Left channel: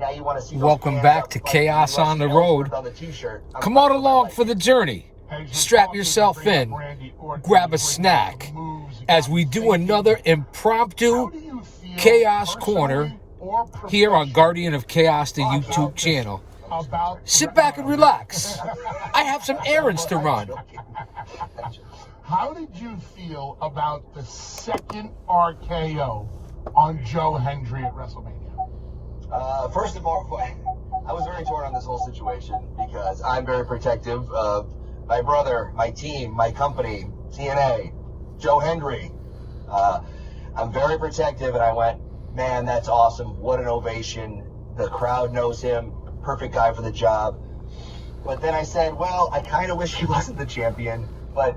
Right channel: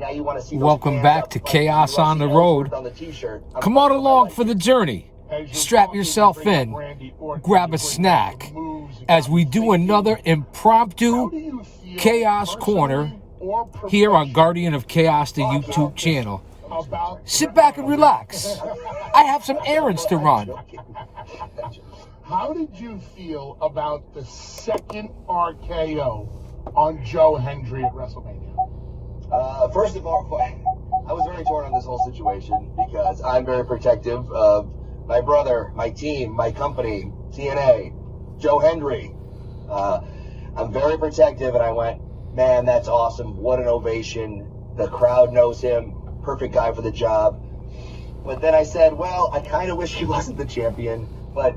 now you want to see. Welcome back to Chaos on the Road. Come on along for the journey. Strap yourself in, grab a snack, as we do another impromptu Chaos Corner here on Guardian of Chaos, the YouTube channel. Sit back and relax. I have some errands to run. How did you feel about the second RKO on Joe Hendry at WrestleMania? First of all, I was very torn on this whole situation because I'm very protective of my brother, my team, my company, TNA, Joe Hendry. I'm very protective, and I went, man, that's awesome. What an ovation. The crowd knows him. Perfect guy for the job. But then I said, well, I kind of wish he wasn't the champion, but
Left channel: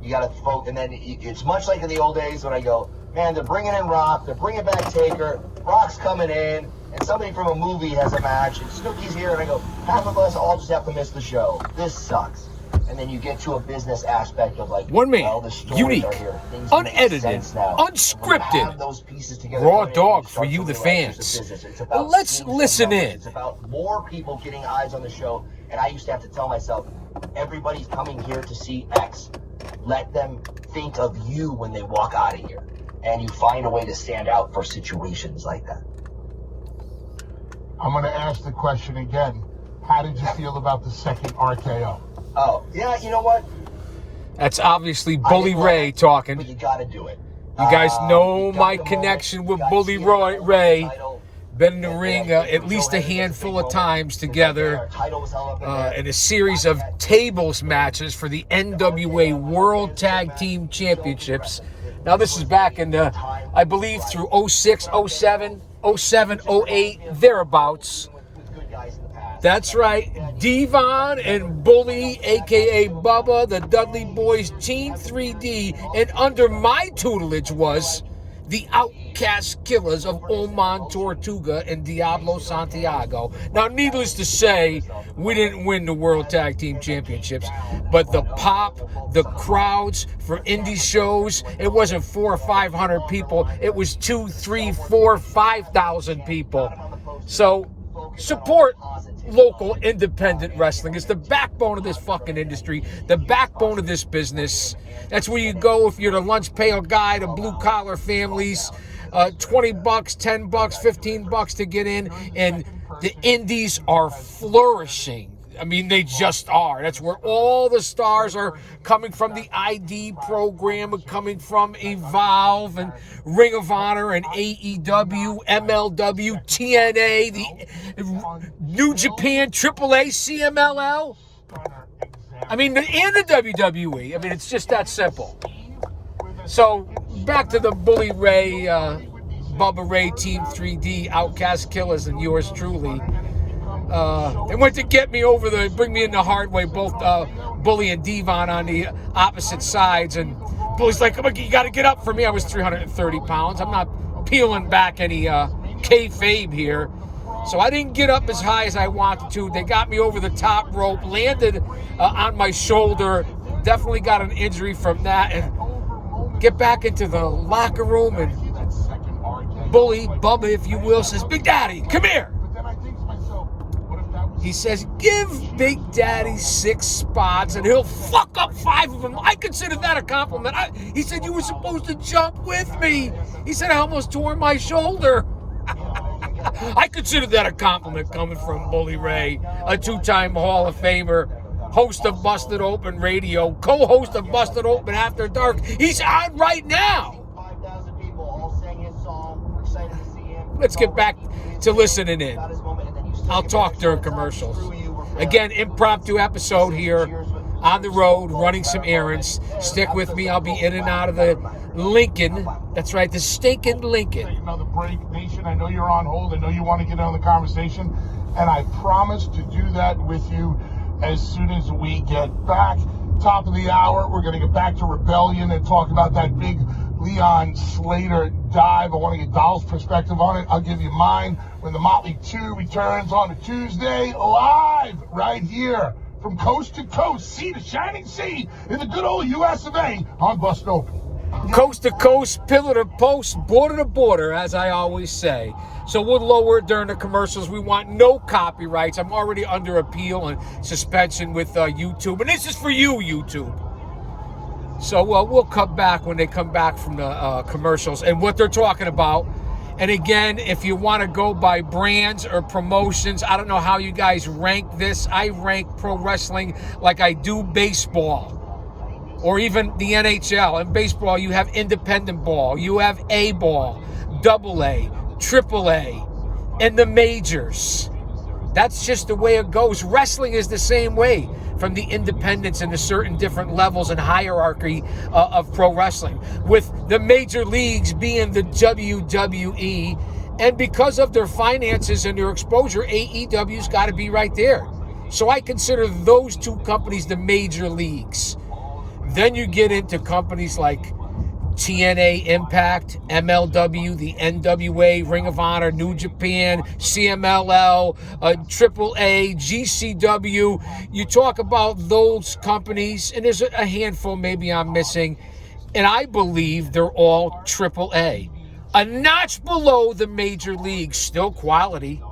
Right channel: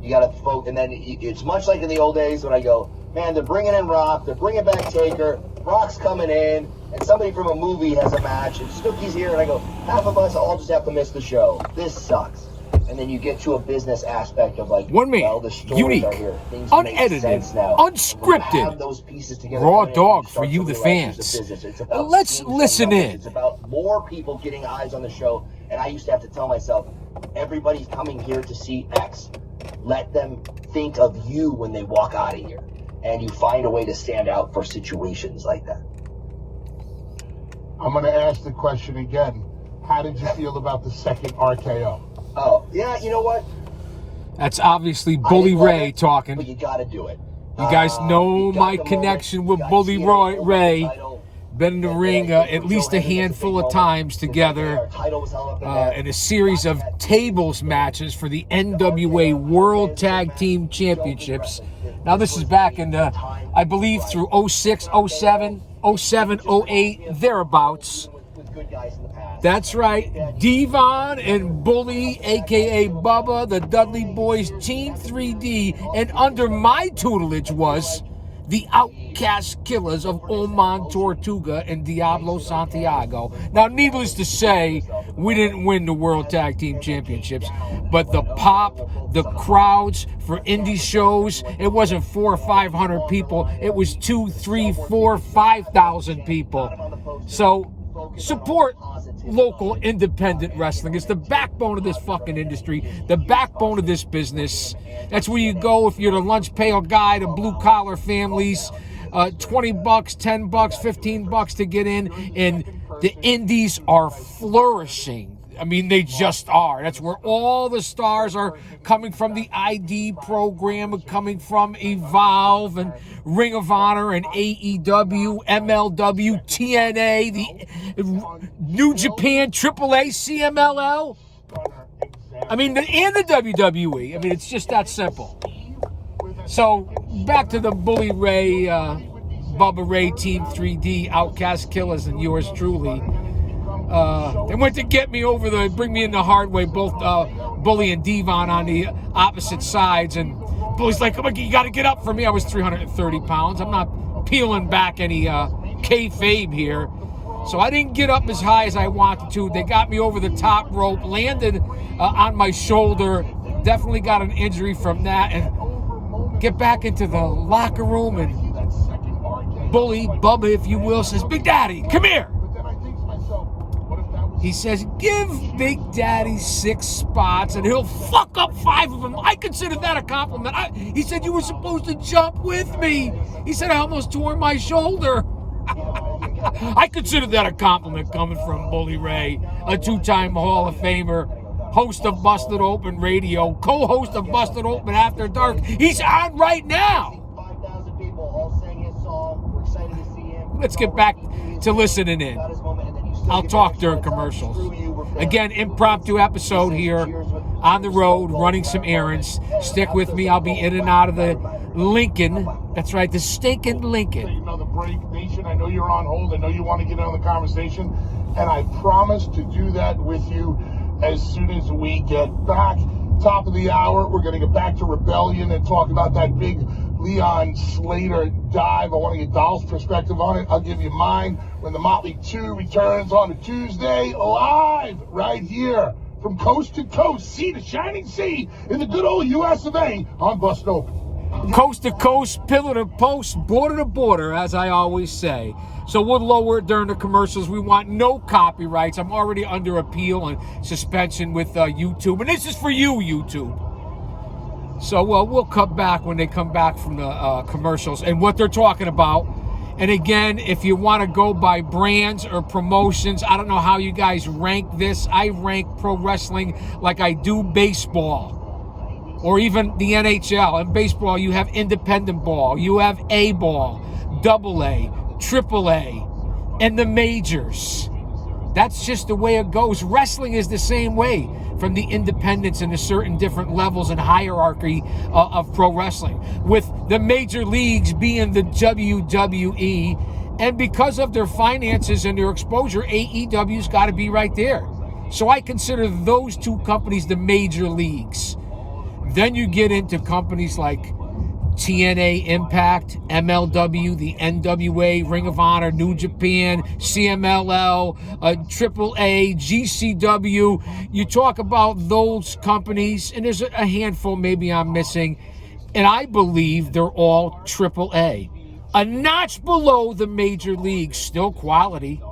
you got to focus. And then it's much like in the old days when I go, man, they're bringing in Rock, they're bringing back Taker, Rock's coming in, and somebody from a movie has a match, and Snooki's here, and I go, half of us all just have to miss the show. This sucks. And then you get to a business aspect of like, one man, well, the stories unique, are here. Things unedited, make sense now. unscripted, Those pieces together, raw dog for you, the fans. Let's listen in. It's about more people getting eyes on the show, and I used to have to tell myself, everybody's coming here to see X. Let them think of you when they walk out of here, and you find a way to stand out for situations like that. I'm going to ask the question again. How did you feel about the second RKO? Oh, yeah, you know what? That's obviously Bully Ray talking. But you got to do it. You guys know my connection with Bully Ray. Been in the ring at least a handful of times together in a series of tables matches for the NWA World Tag Team Championships. Now this is back in the, I believe, through 06, 07, 07, 08, thereabouts. That's right, Devon and Bully, a.k.a. Bubba, the Dudley Boys, Team 3D, and under my tutelage was the Outcast Killers of Oman Tortuga and Diablo Santiago. Now, needless to say, we didn't win the World Tag Team Championships, but the pop, the crowds for indie shows, it wasn't 400 or 500 people, it was 2,000, 3,000, 4,000, 5,000 people. So, support local independent wrestling. It's the backbone of this fucking industry, the backbone of this business. That's where you go if you're the lunch pail guy to blue collar families. $20, $10, $15 to get in, and the indies are flourishing. I mean, they just are. That's where all the stars are coming from. The ID program, coming from Evolve and Ring of Honor and AEW, MLW, TNA, the New Japan, AAA, CMLL. I mean, and the WWE. I mean, it's just that simple. So, back to the Bully Ray, Bubba Ray, Team 3D, Outcast Killers, and yours truly. They went to get me bring me in the hard way, both Bully and Devon on the opposite sides. And Bully's like, come on, you got to get up for me. I was 330 pounds. I'm not peeling back any kayfabe here. So I didn't get up as high as I wanted to. They got me over the top rope, landed on my shoulder. Definitely got an injury from that. And get back into the locker room, and Bully, Bubba, if you will, says, Big Daddy, come here. He says, give Big Daddy 6 spots and he'll fuck up 5 of them. I consider that a compliment. He said, you were supposed to jump with me. He said, I almost tore my shoulder. I consider that a compliment coming from Bully Ray, a 2-time Hall of Famer, host of Busted Open Radio, co-host of Busted Open After Dark. He's on right now. Let's get back to listening in. I'll talk during commercials. Again, impromptu episode here on the road, running some errands. Stick with me. I'll be in and out of the Lincoln. That's right, the stinking Lincoln. Another break, Nation. I know you're on hold. I know you want to get on the conversation, and I promise to do that with you as soon as we get back. Top of the hour, we're going to get back to Rebellion and talk about that big Leon Slater dive. I want to get Dolph's perspective on it. I'll give you mine when the Motley 2 returns on a Tuesday, live right here from coast to coast, sea to shining sea in the good old US of A on Bust Open. Coast to coast, pillar to post, border to border, as I always say. So we'll lower it during the commercials. We want no copyrights. I'm already under appeal and suspension with YouTube. And this is for you, YouTube. So we'll cut back when they come back from the commercials and what they're talking about. And again, if you want to go by brands or promotions, I don't know how you guys rank this. I rank pro wrestling like I do baseball or even the NHL. In baseball, you have independent ball, you have A ball, double A, triple A, and the majors. That's just the way it goes. Wrestling is the same way, from the independents and the certain different levels and hierarchy of pro wrestling, with the major leagues being the WWE. And because of their finances and their exposure, AEW's got to be right there. So I consider those two companies the major leagues. Then you get into companies like TNA Impact, MLW, the NWA, Ring of Honor, New Japan, CMLL, AAA, GCW. You talk about those companies, and there's a handful maybe I'm missing, and I believe they're all AAA. A notch below the major leagues, still quality.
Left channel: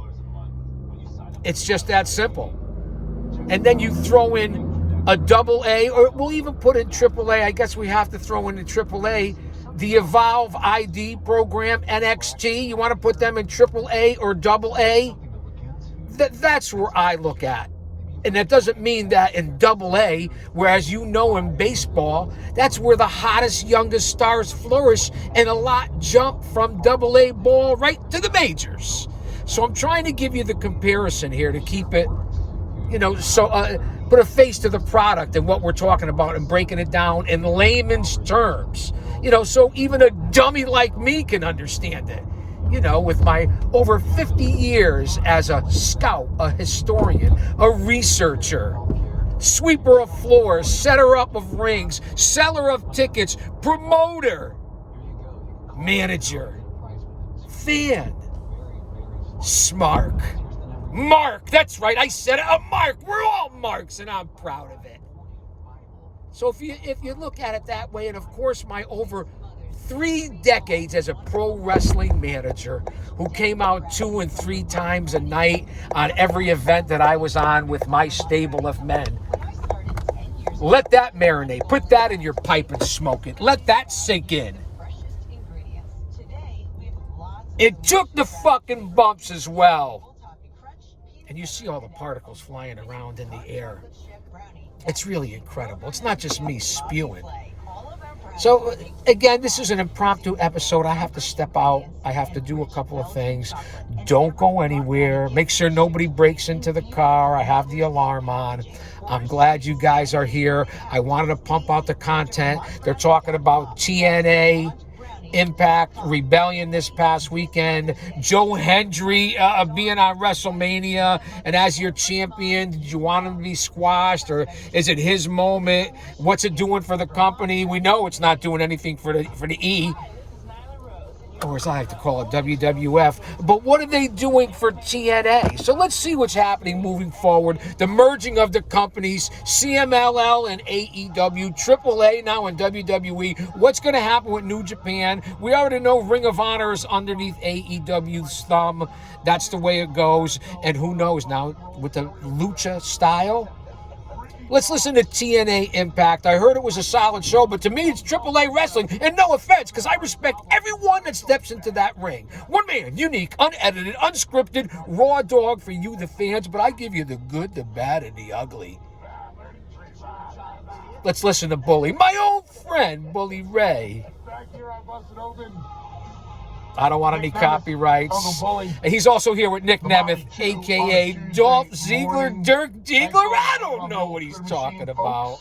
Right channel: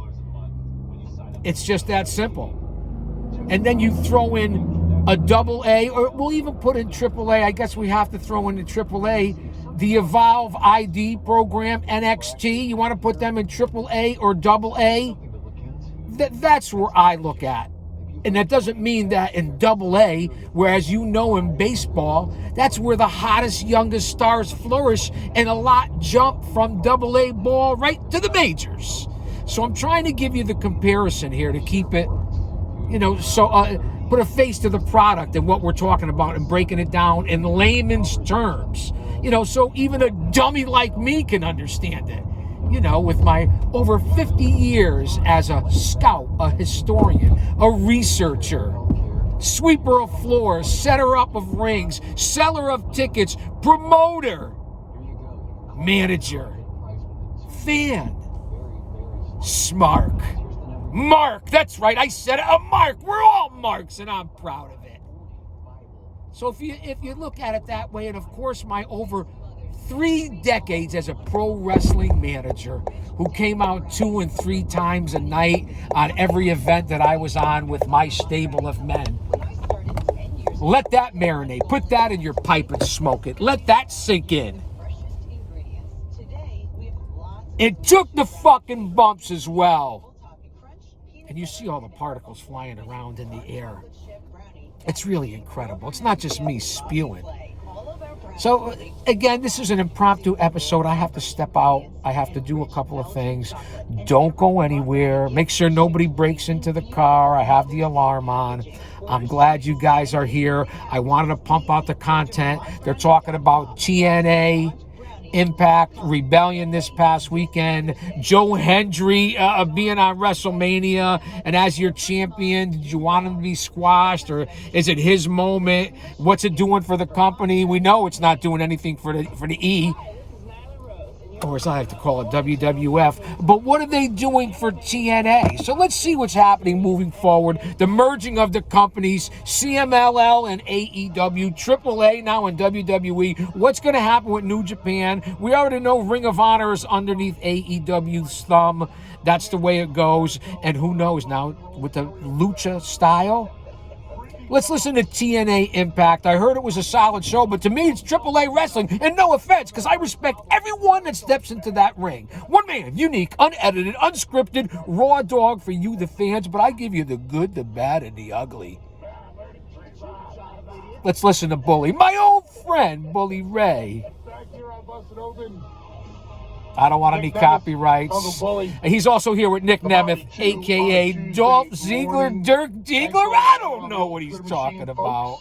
It's just that simple. And then you throw in a double A, or we'll even put in AAA. I guess we have to throw in the AAA. The Evolve ID program, NXT, you want to put them in AAA or double A? That's where I look at. And that doesn't mean that in double A, whereas you know in baseball, that's where the hottest, youngest stars flourish, and a lot jump from double A ball right to the majors. So I'm trying to give you the comparison here to keep it, put a face to the product and what we're talking about and breaking it down in layman's terms, so even a dummy like me can understand it, with my over 50 years as a scout, a historian, a researcher, sweeper of floors, setter up of rings, seller of tickets, promoter, manager, fan, smark. Mark, that's right, I said it, a mark. We're all marks, and I'm proud of it. So if you look at it that way, and of course my over 3 decades as a pro wrestling manager who came out 2 and 3 times a night on every event that I was on with my stable of men, let that marinate. Put that in your pipe and smoke it. Let that sink in. It took the fucking bumps as well. And you see all the particles flying around in the air. It's really incredible. It's not just me spewing. So, again, this is an impromptu episode. I have to step out. I have to do a couple of things. Don't go anywhere. Make sure nobody breaks into the car. I have the alarm on. I'm glad you guys are here. I wanted to pump out the content. They're talking about TNA Impact Rebellion this past weekend. Joe Hendry being on WrestleMania, and as your champion, did you want him to be squashed, or is it his moment? What's it doing for the company? We know it's not doing anything for the E, or as I like to call it, WWF. But what are they doing for TNA? So let's see what's happening moving forward. The merging of the companies, CMLL and AEW, AAA now in WWE. What's going to happen with New Japan? We already know Ring of Honor is underneath AEW's thumb. That's the way it goes. And who knows now with the lucha style? Let's listen to TNA Impact. I heard it was a solid show, but to me, it's AAA wrestling. And no offense, because I respect everyone that steps into that ring. One man, unique, unedited, unscripted, raw dog for you, the fans. But I give you the good, the bad, and the ugly. Let's listen to Bully, my old friend, Bully Ray. I don't want any copyrights. He's also here with Nick Nemeth, a.k.a. Dolph Ziggler, Dirk Diggler. I don't know what he's talking about.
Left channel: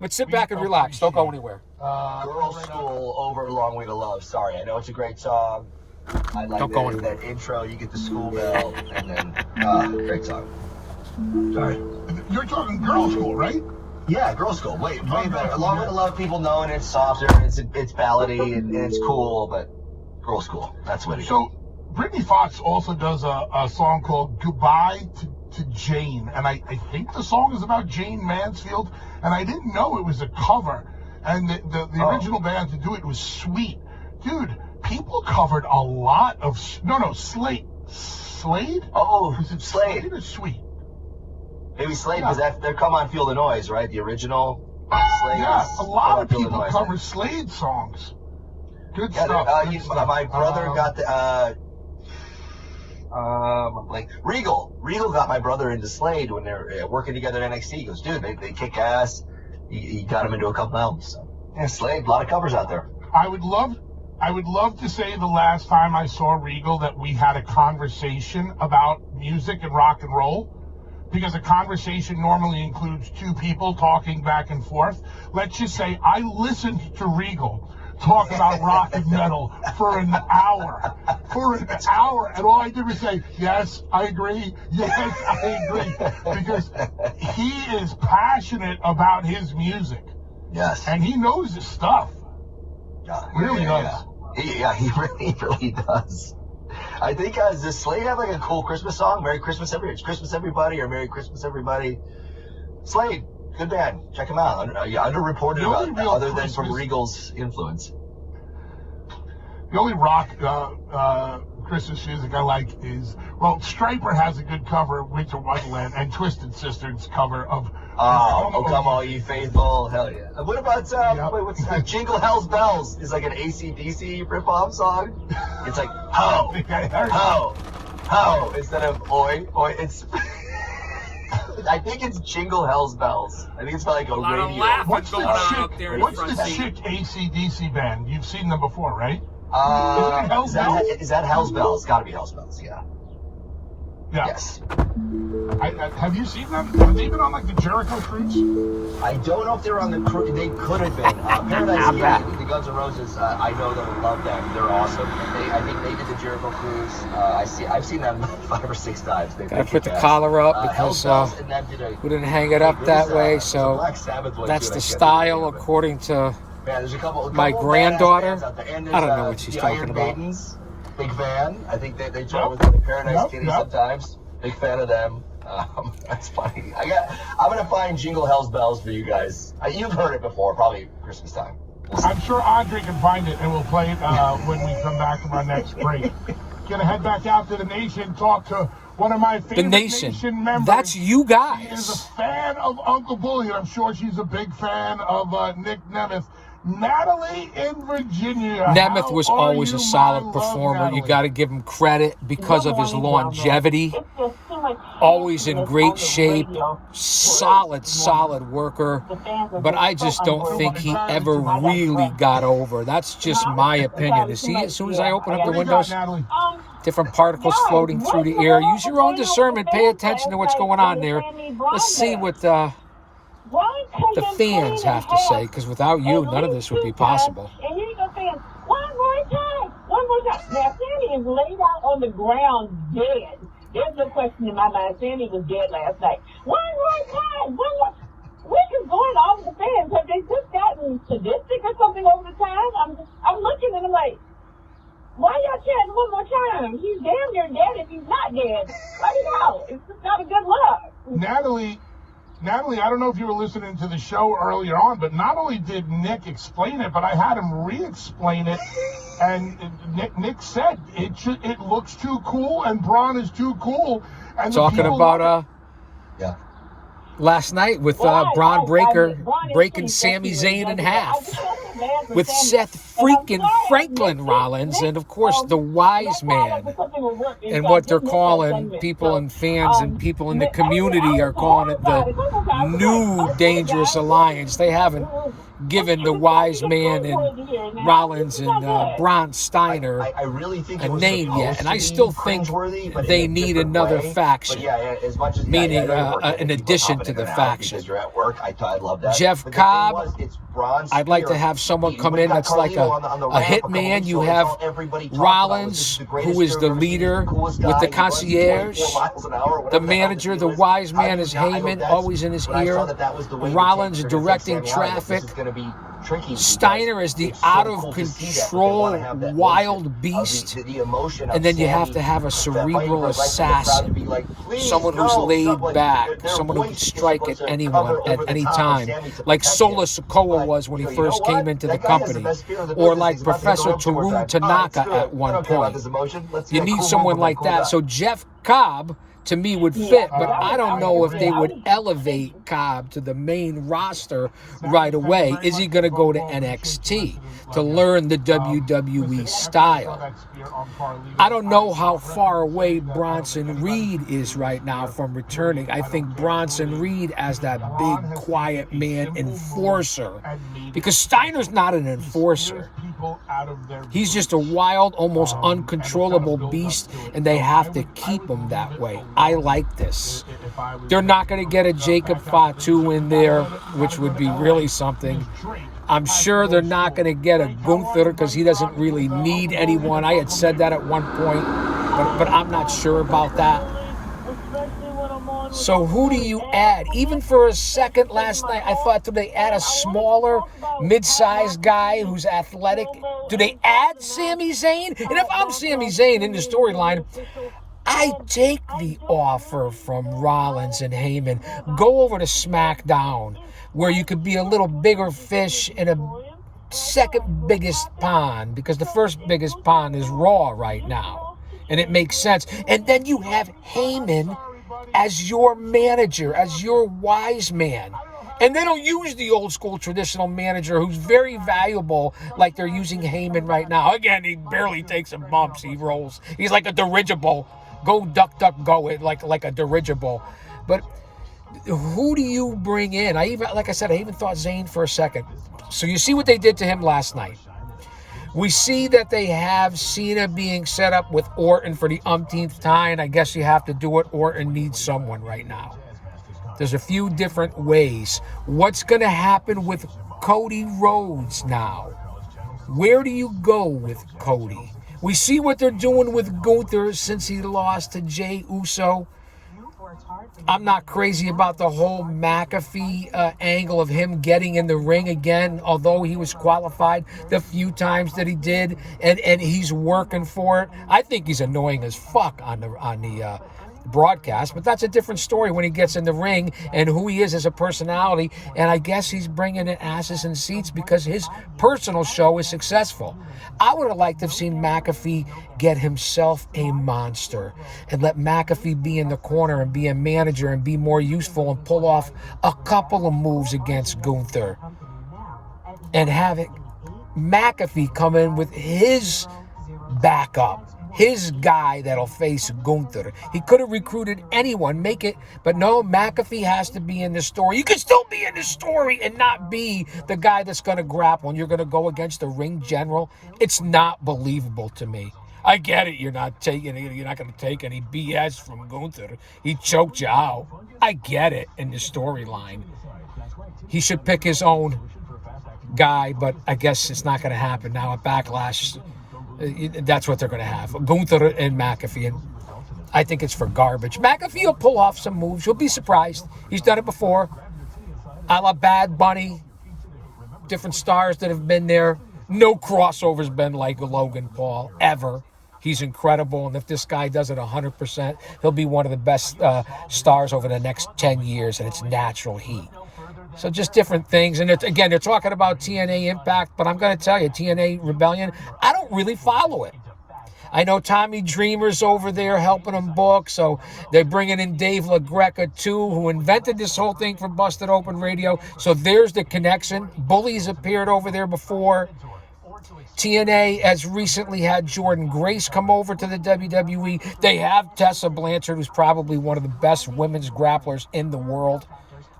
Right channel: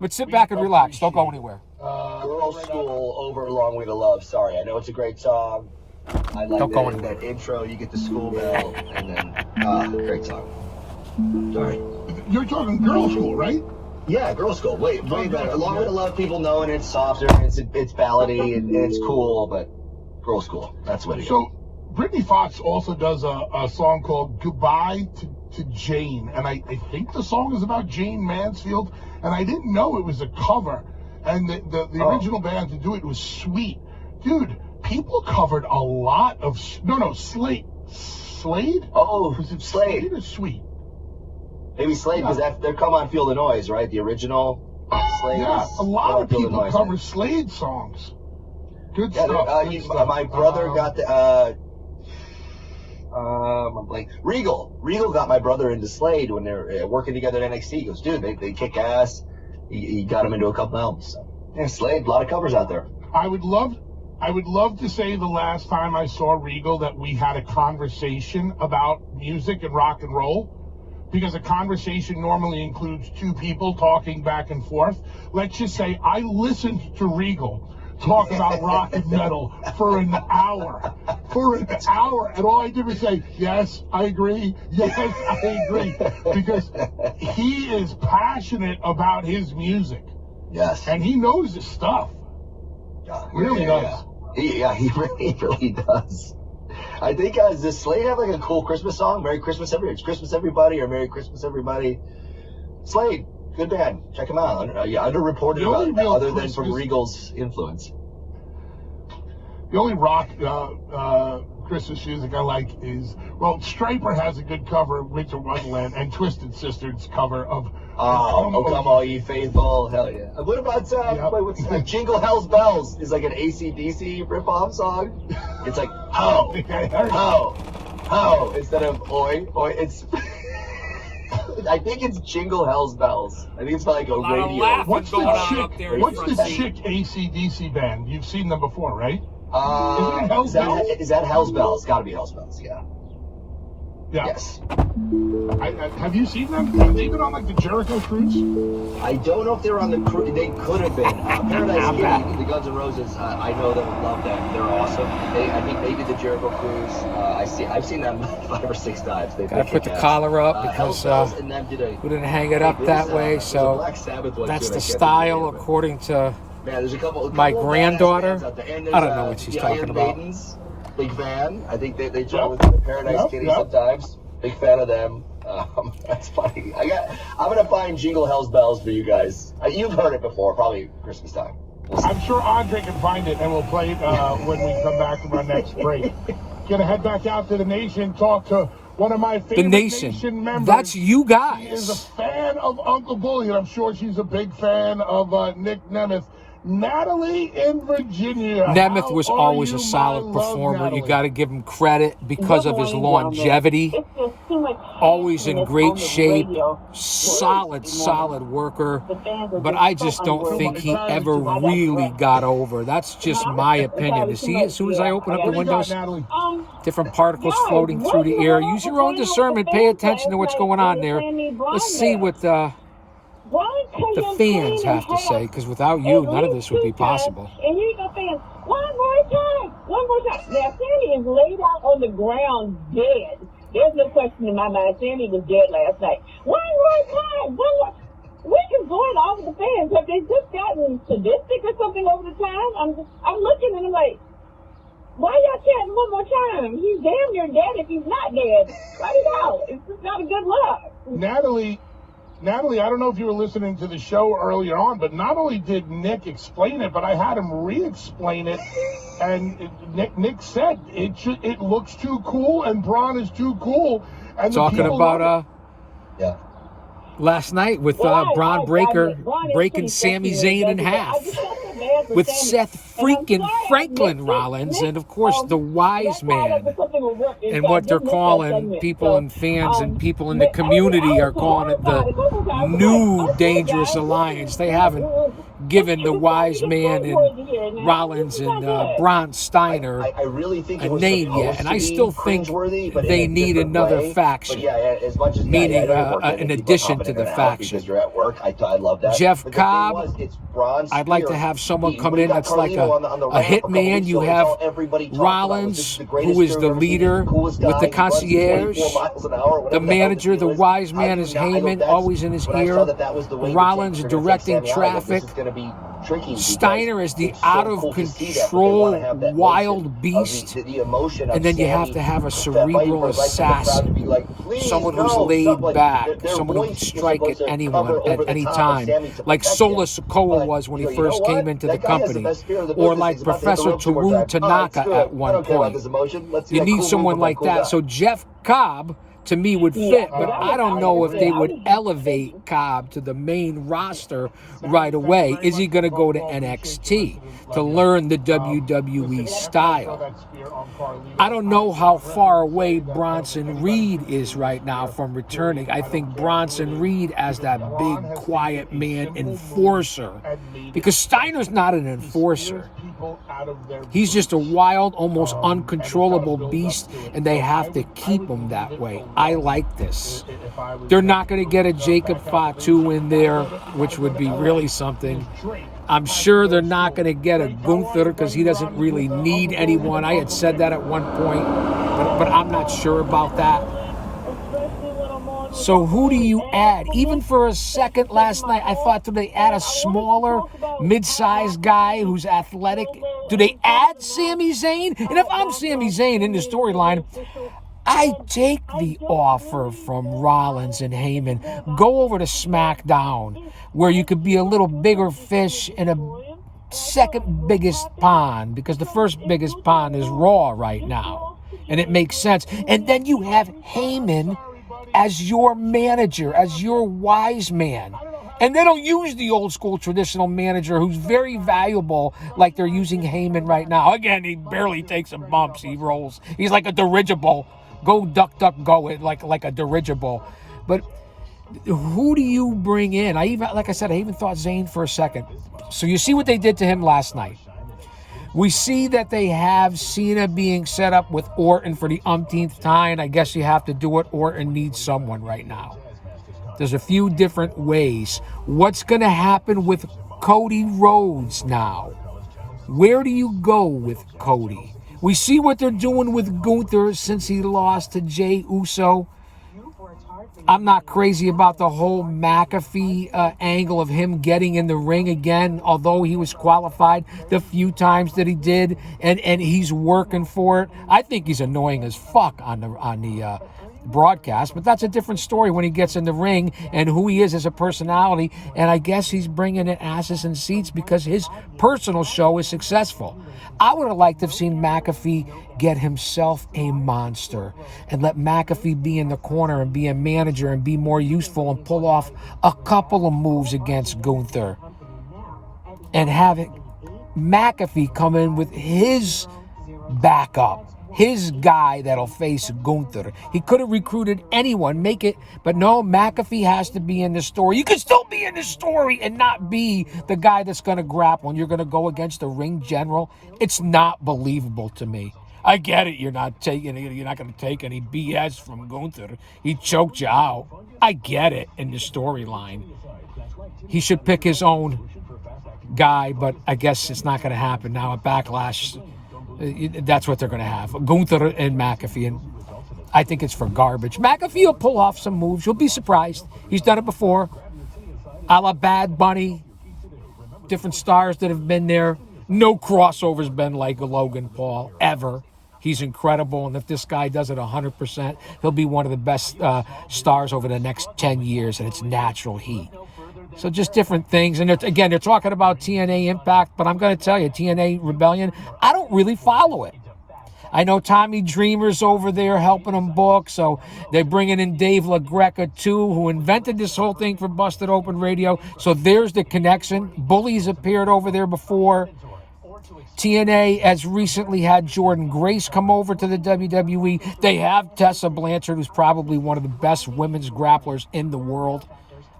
But sit back and relax. Don't go anywhere. Girl School over Long Way to Love. Sorry, I know it's a great song. I like that intro. You get the school bell, and then great song. Sorry. You're talking Girl School, right? Yeah, Girl School. Way better. Long Way to Love, people know, and it's softer, and it's ballady, and it's cool, but Girl School, that's what it is. So, Brittany Fox also does a song called Goodbye to Jane, and I think the song is about Jane Mansfield, and I didn't know it was a cover. And the original band to do it was Sweet. Dude, people covered a lot of... No, Slade. Slade? Oh, Is it Slade or Sweet? Maybe Slade, because they're Come On Feel the Noise, right? The original Slade. Yeah, a lot of people cover Slade songs. Good stuff. My brother got the... like Regal got my brother into Slade when they were working together at NXT. He goes, dude, they kick ass. He got him into a couple albums. So, yeah, Slade, a lot of covers out there. I would love to say the last time I saw Regal that we had a conversation about music and rock and roll, because a conversation normally includes two people talking back and forth. Let's just say I listened to Regal talk about rock and metal for an hour. And all I did was say, yes, I agree. Yes, I agree. Because he is passionate about his music. Yes. And he knows his stuff. Yeah, He really does. He really does. I think, does Slade have like a cool Christmas song? Merry Christmas, everybody, or Merry Christmas, everybody. Slade. Good band. Check them out. Underreported other than from Regal's influence. The only rock Christmas music I like is, well, Striper has a good cover of Winter Wonderland, and Twisted Sister's cover of Come All Ye Faithful. Hell yeah. What about what's that? Jingle Hell's Bells is like an AC/DC ripoff song. It's like ho, instead of oi. It's I think it's Jingle Hell's Bells. I think it's like a lot radio. of laughing going on up there in What's front the seat. chick AC/DC band? You've seen them before, right? Is that Hell's Bells? It's got to be Hell's Bells. Yeah. Yes. Have you seen them? Have they been on like the Jericho cruise? I don't know if they were on the cruise. They could have been. Paradise City, the Guns N' Roses. I know them, love them. They're awesome. And I think they did the Jericho cruise. I've seen them 5 or 6 times. Gotta put the collar up because we didn't hang it up that way. So that's the style according to there's a couple my granddaughter. I don't know what she's talking about. Big fan. I think they try with the Paradise Kitty sometimes. Big fan of them. That's funny. I'm gonna find Jingle Hell's Bells for you guys. You've heard it before, probably Christmas time. I'm sure Andre can find it, and we'll play it when we come back from our next break. Gonna head back out to the Nation, talk to one of my favorite Nation members. That's you guys. She is a fan of Uncle Bully, and I'm sure she's a big fan of Nick Nemeth. Natalie in Virginia. Nemeth was always a solid performer. You got to give him credit because of his longevity. Always in great shape. Solid worker. But I just don't think he ever really got over. That's just my opinion. As soon as I open up the windows, different particles floating through the air. Use your own discernment. Pay attention to what's going on there. Let's see what the fans have to say, because without you, none of this would be possible. And here's the fans. One more time. Now, Sandy is laid out on the ground dead. There's no question in my mind. Sandy was dead last night. One more time. What is going on with the fans? Have they just gotten sadistic or something over the time? I'm looking and I'm like, why y'all chanting one more time? He's damn near dead if he's not dead. Let it out. It's just not a good look. Natalie, I don't know if you were listening to the show earlier on, but not only did Nick explain it, but I had him re-explain it. And Nick said it looks too cool, and Braun is too cool. And talking about last night with Braun Breaker breaking Sami Zayn in half, with Seth freaking Franklin Rollins, and of course the wise man, and what they're calling people and fans and people in the community are calling it the new dangerous alliance. They haven't given the wise man and Rollins and Braun Steiner a name yet, and I still think they need another faction, meaning an addition to the faction. Jeff Cobb, I'd like to have someone come in that's like a hitman. You have Rollins, who is the leader with the concierge. The manager, the wise man, is Heyman, always in his ear. Rollins directing traffic. Steiner is the out-of-control wild beast. And then you have to have a cerebral assassin like, please, someone no, who's laid something like, back, their someone who voice can is strike supposed at to anyone cover at over the any top of time, Sammy to like protect Solo him. Sikoa But, was when he you know first what? came into the That guy has the company, best spear in the or business. like He's about to hit the Professor ropes two more Teru times. All right, Tanaka screw it. at I one don't care about point. this emotion. Let's see You that need cool someone move like cool that. down. So Jeff Cobb, to me, would fit, but I don't know if they would elevate Cobb to the main roster right away. Is he going to go to NXT to learn the WWE style? I don't know how far away Bronson Reed is right now from returning. I think Bronson Reed as that big, quiet man enforcer, because Steiner's not an enforcer. He's just a wild, almost uncontrollable beast, and they have to keep him that way. I like this. They're not going to get a Jacob Fatu in there, which would be really something. I'm sure they're not going to get a Gunther because he doesn't really need anyone. I had said that at one point, but I'm not sure about that. So who do you add? Even for a second last night, I thought, do they add a smaller, mid-sized guy who's athletic? Do they add Sami Zayn? And if I'm Sami Zayn in the storyline, I take the offer from Rollins and Heyman. Go over to SmackDown, where you could be a little bigger fish in a second biggest pond, because the first biggest pond is Raw right now. And it makes sense. And then you have Heyman as your manager, as your wise man. And they don't use the old school traditional manager who's very valuable like they're using Heyman right now. Again, he barely takes some bumps. He rolls. He's like a dirigible. Go duck, duck, go, it like a dirigible. But who do you bring in? I even thought Zayn for a second. So you see what they did to him last night. We see that they have Cena being set up with Orton for the umpteenth time. I guess you have to do it. Orton needs someone right now. There's a few different ways. What's going to happen with Cody Rhodes now? Where do you go with Cody? We see what they're doing with Gunther since he lost to Jey Uso. I'm not crazy about the whole McAfee angle of him getting in the ring again, although he was qualified the few times that he did, and he's working for it. I think he's annoying as fuck on the broadcast, but that's a different story when he gets in the ring and who he is as a personality. And I guess he's bringing in asses and seats because his personal show is successful. I would have liked to have seen McAfee get himself a monster and let McAfee be in the corner and be a manager and be more useful and pull off a couple of moves against Gunther, and have it McAfee come in with his backup, his guy that'll face Gunther. He could have recruited anyone, make it, but no, McAfee has to be in the story. You can still be in the story and not be the guy that's going to grapple and you're going to go against the ring general. It's not believable to me. I get it. You're not going to take any BS from Gunther. He choked you out. I get it in the storyline. He should pick his own guy, but I guess it's not going to happen now at Backlash. That's what they're going to have. Gunther and McAfee, and I think it's for garbage. McAfee will pull off some moves. You'll be surprised. He's done it before. A la Bad Bunny. Different stars that have been there. No crossover's been like Logan Paul, ever. He's incredible, and if this guy does it 100%, he'll be one of the best stars over the next 10 years, and it's natural heat. So just different things. And again, they're talking about TNA Impact, but I'm going to tell you, TNA Rebellion, I don't really follow it. I know Tommy Dreamer's over there helping them book, so they're bringing in Dave LaGreca too, who invented this whole thing for Busted Open Radio. So there's the connection. Bully's appeared over there before. TNA has recently had Jordan Grace come over to the WWE. They have Tessa Blanchard, who's probably one of the best women's grapplers in the world.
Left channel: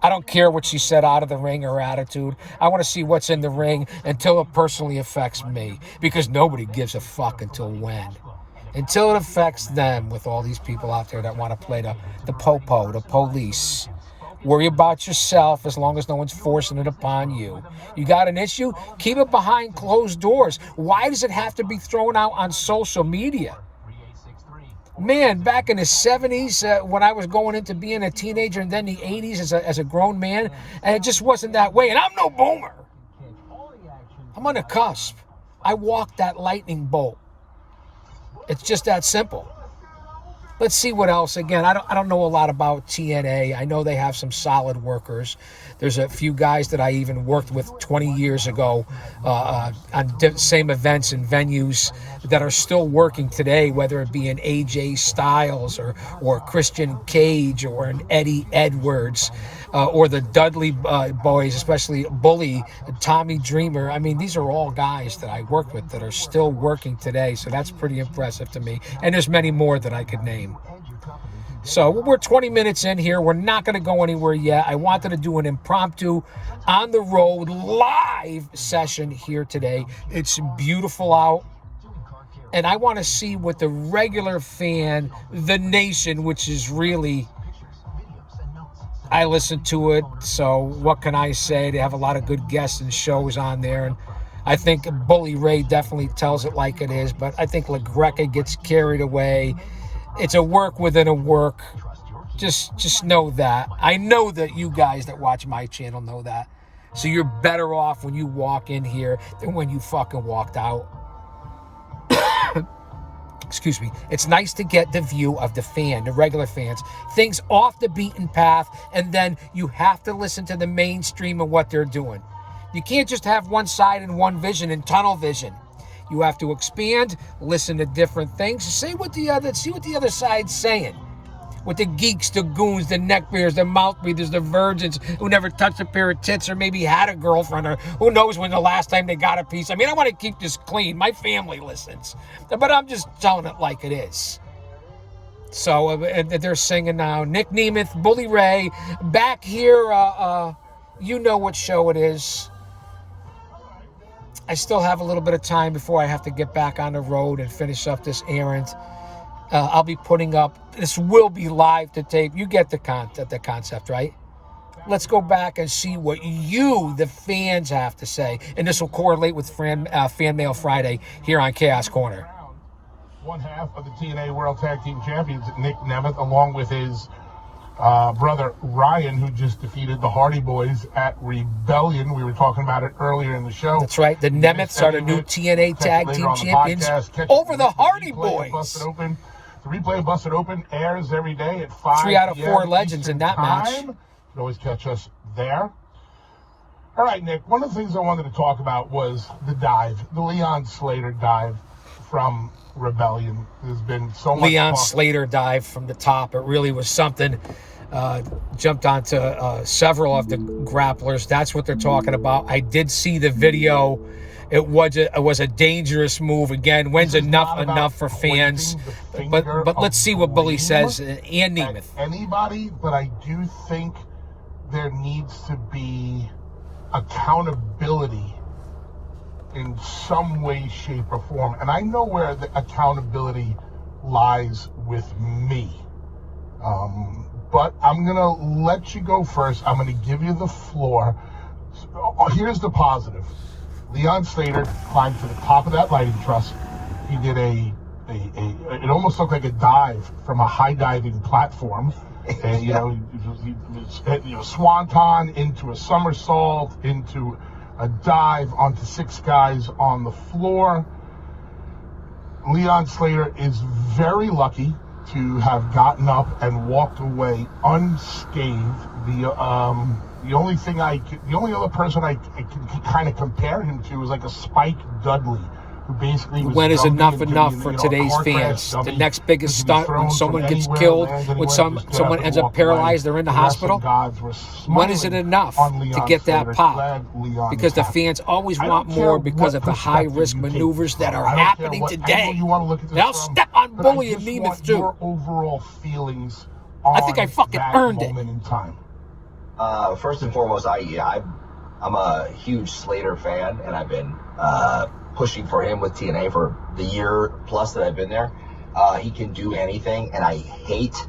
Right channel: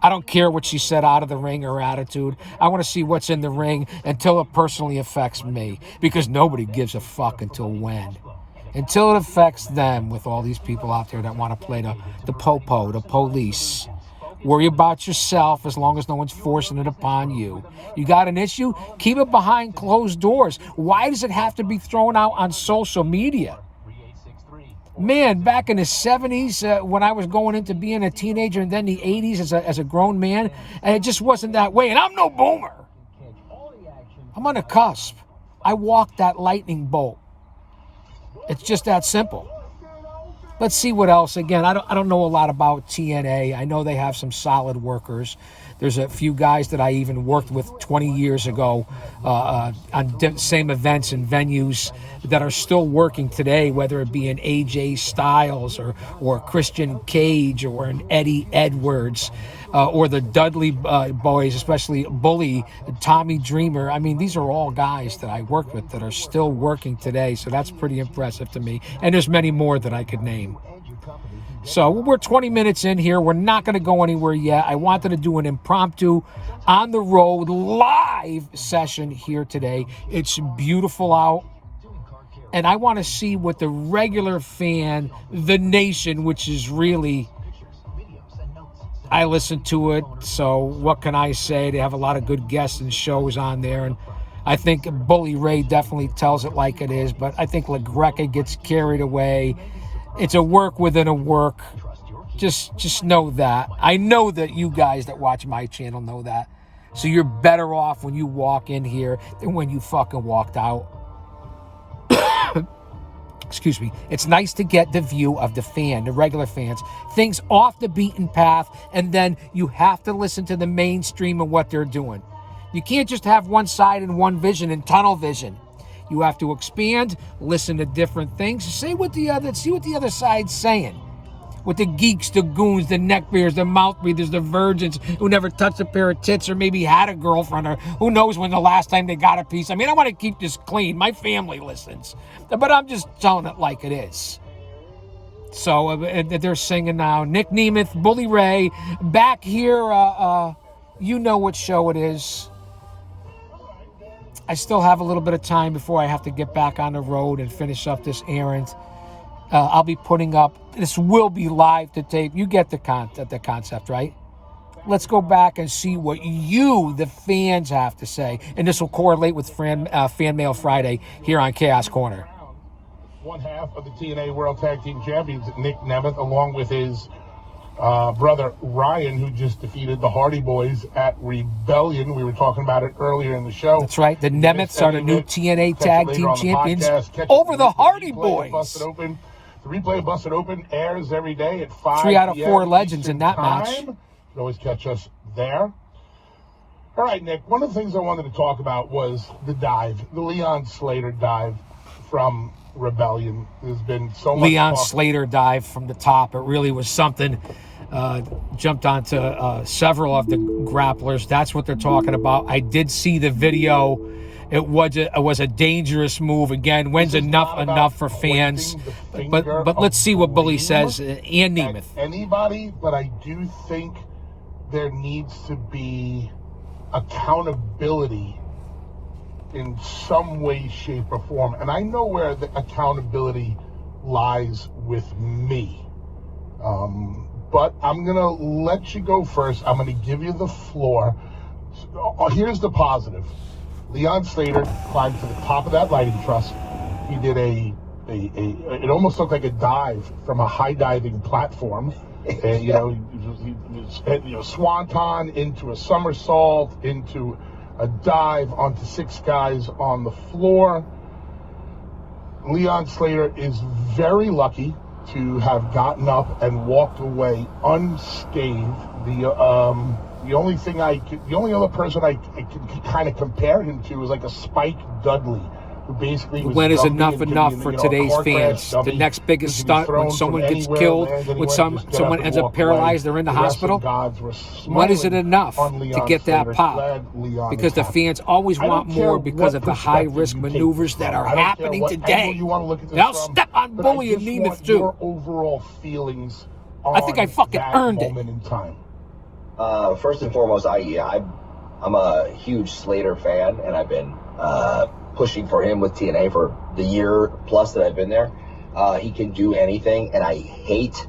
I don't care what she said out of the ring or attitude. I want to see what's in the ring until it personally affects me, because nobody gives a fuck until when. Until it affects them, with all these people out there that want to play the popo, the police. Worry about yourself as long as no one's forcing it upon you. You got an issue? Keep it behind closed doors. Why does it have to be thrown out on social media? Man, back in the 70s, when I was going into being a teenager, and then the 80s as a grown man, and it just wasn't that way. And I'm no boomer. I'm on the cusp. I walked that lightning bolt. It's just that simple. let's see what else. Again, I don't know a lot about TNA. I know they have some solid workers. There's a few guys that I even worked with 20 years ago on same events and venues that are still working today, whether it be an AJ Styles or Christian Cage or an Eddie Edwards or the Dudley boys, especially Bully, Tommy Dreamer. I mean, these are all guys that I worked with that are still working today, so that's pretty impressive to me. And there's many more that I could name. So we're 20 minutes in here. We're not going to go anywhere yet. I wanted to do an impromptu on the road live session here today. It's beautiful out. And I want to see what the regular fan, the nation, which is really, I listen to it. So what can I say? They have a lot of good guests and shows on there. And I think Bully Ray definitely tells it like it is. But I think LaGreca gets carried away. It's a work within a work. Just know that. I know that you guys that watch my channel know that. So you're better off when you walk in here than when you fucking walked out. Excuse me. It's nice to get the view of the fan, the regular fans, things off the beaten path, and then you have to listen to the mainstream of what they're doing. You can't just have one side and one vision and tunnel vision. You have to expand, listen to different things, see what the other side's saying. With the geeks, the goons, the neckbeards, the mouth breathers, the virgins who never touched a pair of tits or maybe had a girlfriend or who knows when the last time they got a piece. I mean, I want to keep this clean. My family listens. But I'm just telling it like it is. So they're singing now. Nick Nemeth, Bully Ray, back here. You know what show it is. I still have a little bit of time before I have to get back on the road and finish up this errand. I'll be putting up, this will be live to tape. You get the concept, right? Let's go back and see what you, the fans, have to say. And this will correlate with Fan Mail Friday here on Chaos Corner. One half of the TNA World Tag Team Champions, Nick Nemeth, along with his brother Ryan, who just defeated the Hardy Boys at Rebellion. We were talking about it earlier in the show. That's right. The Nemeths are the new TNA Tag Team Champions over the Hardy Boys. The replay of Busted Open airs every day at 5 3 out of 4 legends Eastern in that time. match. You can always catch us there. All right, Nick, one of the things I wanted to talk about was the dive, the Leon Slater dive from Rebellion. There's been so much Leon talk. Slater dive from the top. It really was something. Jumped onto several of the grapplers. That's what they're talking about. I did see the video. It was a dangerous move. Again, when's enough for fans? But let's see what Bully says and Nemeth. Anybody, but I do think there needs to be accountability in some way, shape, or form. And I know where the accountability lies with me. But I'm going to let you go first. I'm going to give you the floor. Here's the positive. Leon Slater climbed to the top of that lighting truss. He did it almost looked like a dive from a high diving platform. And, he was swanton into a somersault, into a dive onto 6 guys on the floor. Leon Slater is very lucky to have gotten up and walked away unscathed. The only other person I can kind of compare him to is like a Spike Dudley, who basically was when is enough for today's fans? The next biggest stunt, when someone gets killed, when someone ends up paralyzed, they're in the hospital. When is it enough to get that pop? Because the fans always want more because of the high-risk maneuvers that are happening today. They'll step on Bully and Nemeth too. Your overall feelings. I think I fucking earned it. First and foremost, I'm a huge Slater fan, and I've been pushing for him with TNA for the year plus that I've been there. He can do anything, and I hate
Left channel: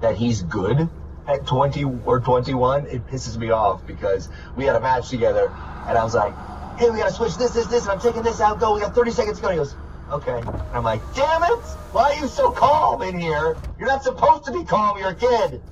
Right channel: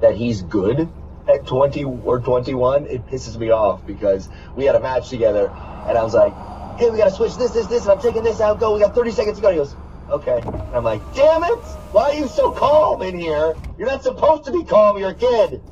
that he's good at 20 or 21. It pisses me off because we had a match together, and I was like, hey, we got to switch this, and I'm taking this out, go. We got 30 seconds to go. And he goes, okay. And I'm like, damn it, why are you so calm in here? You're not supposed to be calm, you're a kid.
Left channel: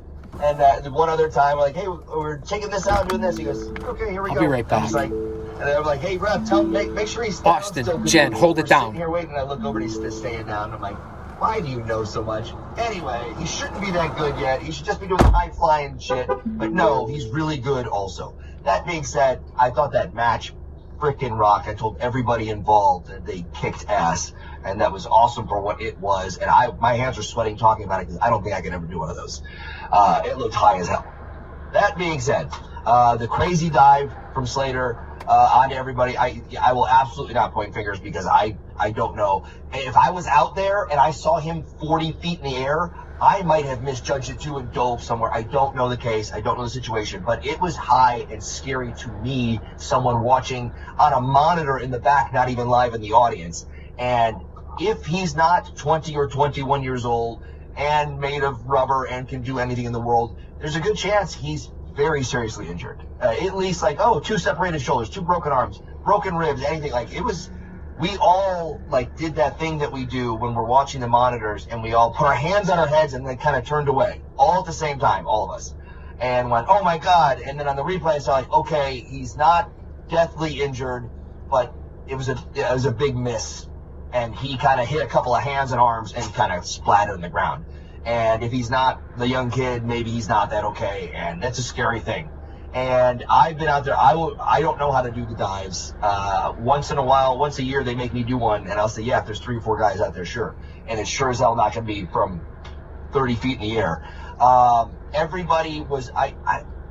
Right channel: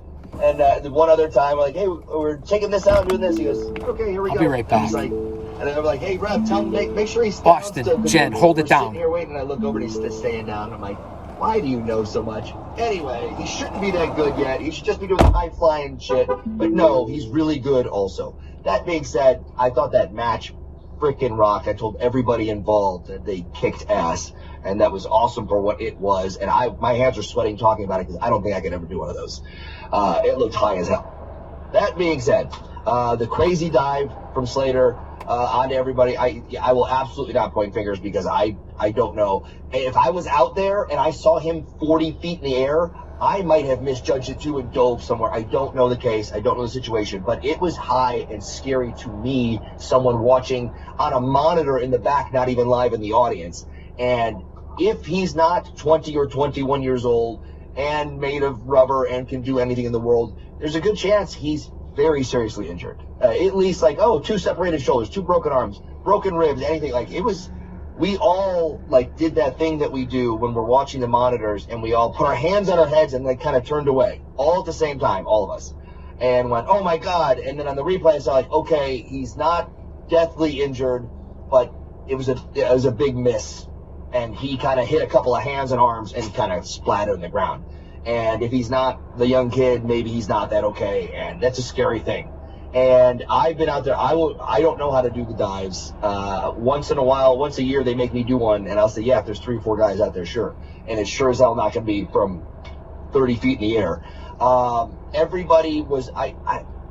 And one other time, I'm like, hey, we're taking this out and doing this. He goes, okay, here we go. I'll be right back. And I'm like, hey, Rev, tell him, make sure he's Austin, Jen, hold it down. Here waiting, and I look over and he's staying down. I'm like, Why do you know so much? Anyway, he shouldn't be that good yet. He should just be doing high-flying shit. But no, he's really good also. That being said, I thought that match freaking rocked. I told everybody involved that they kicked ass. And that was awesome for what it was. And my hands are sweating talking about it because I don't think I could ever do one of those. It looked high as hell. That being said, the crazy dive from Slater onto everybody, I will absolutely not point fingers because I don't know. If I was out there and I saw him 40 feet in the air, I might have misjudged it too and dove somewhere. I don't know the case. I don't know the situation. But it was high and scary to me, someone watching on a monitor in the back, not even live in the audience. And if he's not 20 or 21 years old and made of rubber and can do anything in the world, there's a good chance he's very seriously injured. At least like, 2 separated shoulders, 2 broken arms, broken ribs, anything. Like, it was, we all like did that thing that we do when we're watching the monitors and we all put our hands on our heads and like kind of turned away all at the same time, all of us, and went, oh my God. And then on the replay, it's like, okay, he's not deathly injured, but it was a big miss. And he kind of hit a couple of hands and arms and kind of splattered on the ground. And if he's not the young kid, maybe he's not that okay. And that's a scary thing. And I've been out there. I don't know how to do the dives. Once in a while, once a year, they make me do one. And I'll say, yeah, if there's 3 or 4 guys out there, sure. And it's sure as hell not going to be from 30 feet in the air. Everybody was,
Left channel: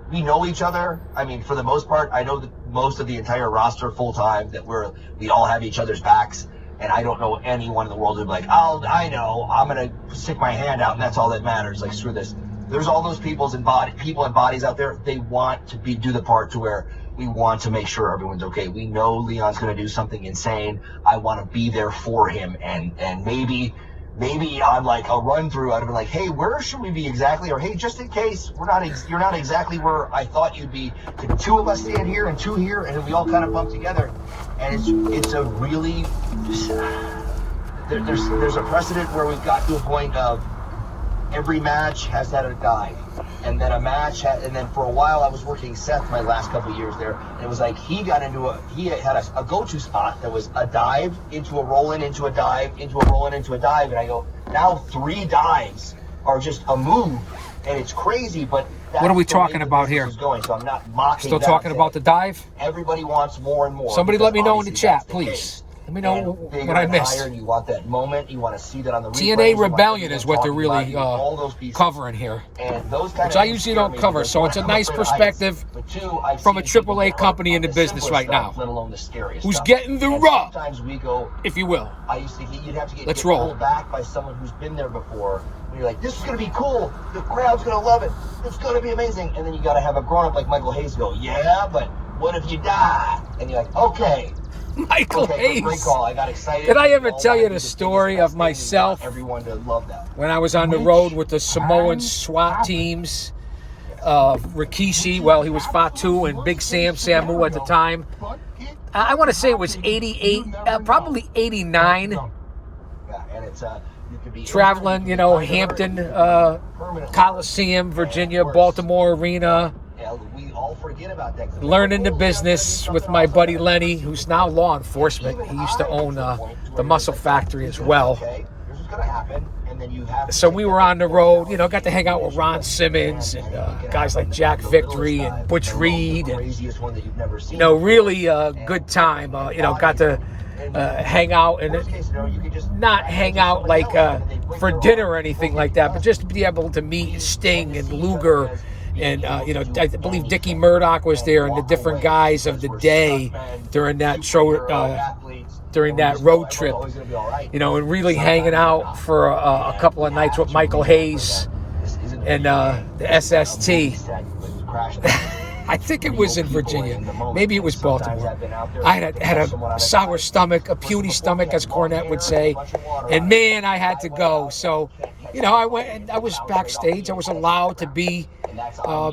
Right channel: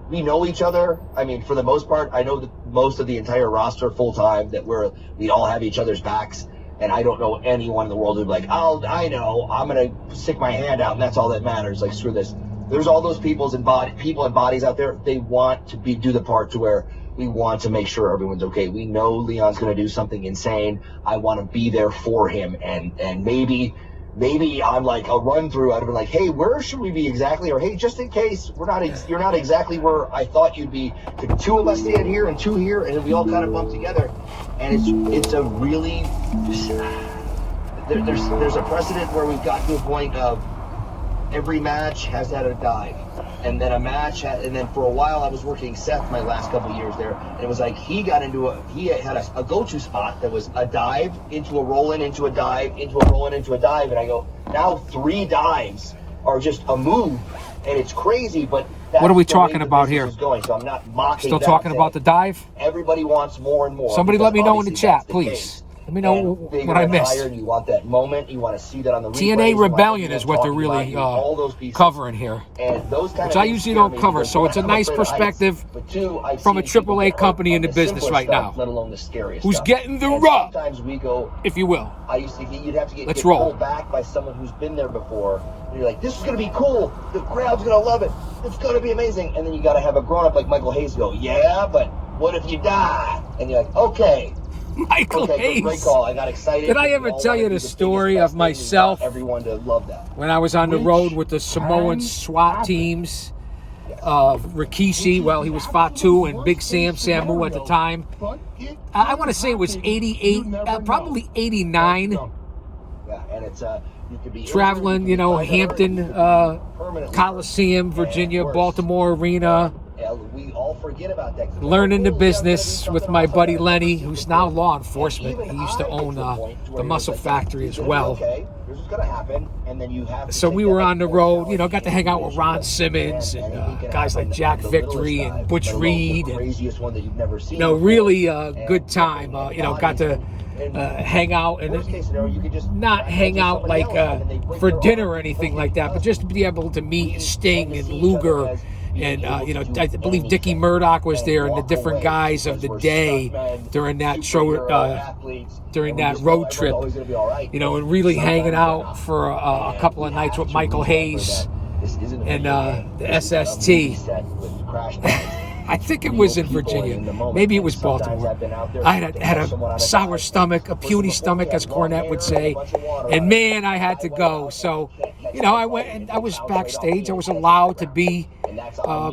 we know each other. I mean, for the most part, I know most of the entire roster full time, that we all have each other's backs. And I don't know anyone in the world who'd be like, I know, I'm going to stick my hand out and that's all that matters. Like, screw this. There's all those people and bodies out there. They want to do the part to where we want to make sure everyone's okay. We know Leon's going to do something insane. I want to be there for him. And maybe on like a run through, I'd have been like, hey, where should we be exactly? Or hey, just in case you're not exactly where I thought you'd be. Could 2 of us stand here and 2 here, and then we all kind of bump together. And it's a really, there's a precedent where we've got to a point of every match has had a dive, and then and then for a while I was working Seth my last couple of years there, and it was like he had a go-to spot that was a dive into a roll-in, into a dive, into a roll-in, into a dive, and I go, now 3 dives are just a move, and it's crazy, but that's what are we talking about here? Going, so I'm not mocking. Still talking about the dive? Everybody wants more and more. Somebody let me know in the chat, please. Let me know what I missed. You want that moment. You want to see that on the TNA Rebellion is what they're really covering here, which I usually don't cover. So it's a nice perspective from a AAA company in the business right now, who's getting the rub, if you will. Let's roll. Back by someone who's been there before. When you're like, this is going to be cool. The crowd's going to love it. It's going to be amazing. And then you got to have a grown-up like Michael Hayes go, yeah, but what if you die? And you're like, okay. Michael Hayes. Great call. I got excited. Did I ever tell you the story of myself everyone to love that. When I was on the road with the Samoan SWAT teams? Rikishi, well, he was Fatu, and Big Sam Samu at the time. I want to say it was 88, probably 89. Yeah, and it's traveling, Hampton, Coliseum, Virginia, Baltimore Arena. We all forget about that. Learning the business with my buddy Lenny, who's now law enforcement. He used to own the Muscle Factory as well. So we were on the road, got to hang out with Ron Simmons and guys like Jack Victory and Butch Reed, and really a good time. Got to hang out, and not hang out like for dinner or anything like that, but just to be able to meet Sting and Luger. And, I believe Dickie Murdoch was there, and the different guys of the day during that road trip, and really hanging out for a couple of nights with Michael Hayes and the SST. I think it was in Virginia. Maybe it was Baltimore. I had a sour stomach, a puny stomach, as Cornette would say. And, man, I had to go. So, I went and I was backstage. I was allowed to be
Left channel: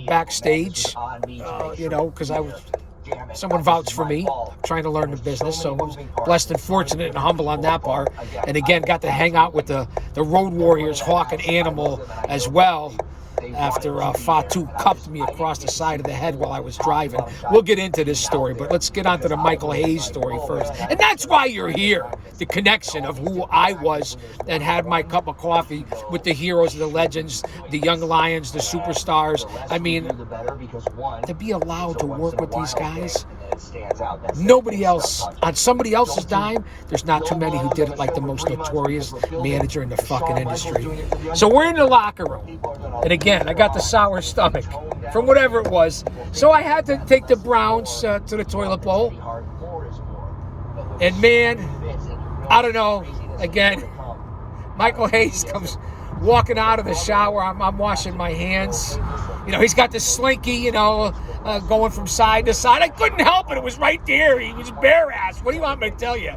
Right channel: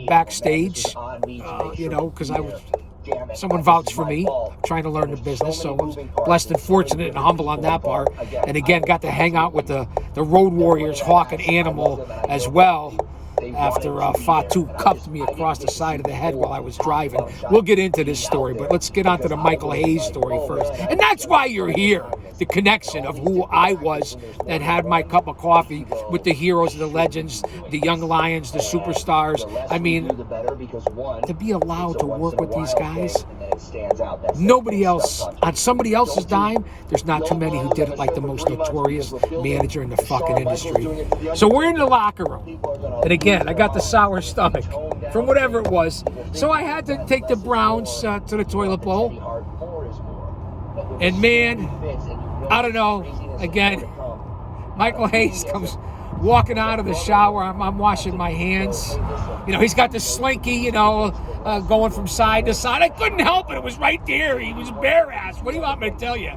backstage, because someone vouched for me. I'm trying to learn the business, so I was blessed and fortunate and humble on that part. And again, got to hang out with the Road Warriors, Hawk and Animal as well. after Fatu cuffed me across the side of the head while I was driving. We'll get into this story, but let's get on to the Michael Hayes story first. And that's why you're here, the connection of who I was and had my cup of coffee with the heroes, the legends, the young lions, the superstars. I mean, to be allowed to work with these guys, nobody else, on somebody else's dime, there's not too many who did it like the most notorious manager in the fucking industry. So we're in the locker room. And again, I got the sour stomach from whatever it was. So I had to take the Browns to the toilet bowl. And man, I don't know, again, Michael Hayes comes walking out of the shower. I'm washing my hands. You know, he's got the slinky, you know, going from side to side. I couldn't help it. It was right there. He was bare ass. What do you want me to tell you?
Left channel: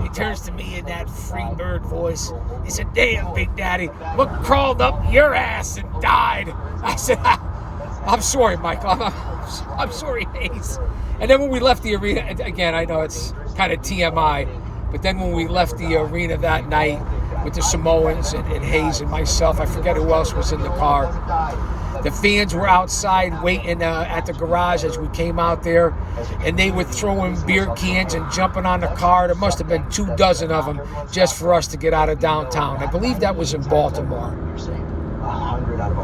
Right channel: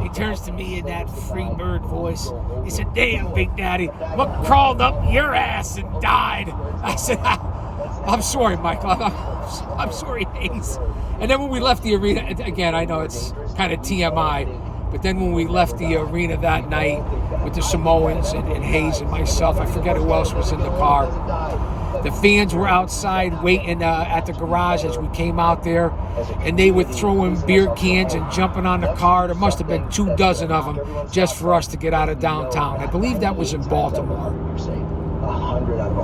He turns to me in that free bird voice. He said, "Damn, Big Daddy, what crawled up your ass and died?" I said, "I'm sorry, Michael. I'm sorry, Hayes." And then when we left the arena, again, I know it's kind of TMI, but then when we left the arena that night with the Samoans and Hayes and myself, I forget who else was in the car. The fans were outside waiting at the garage as we came out there, and they were throwing beer cans and jumping on the car. There must have been 24 of them just for us to get out of downtown. I believe that was in Baltimore.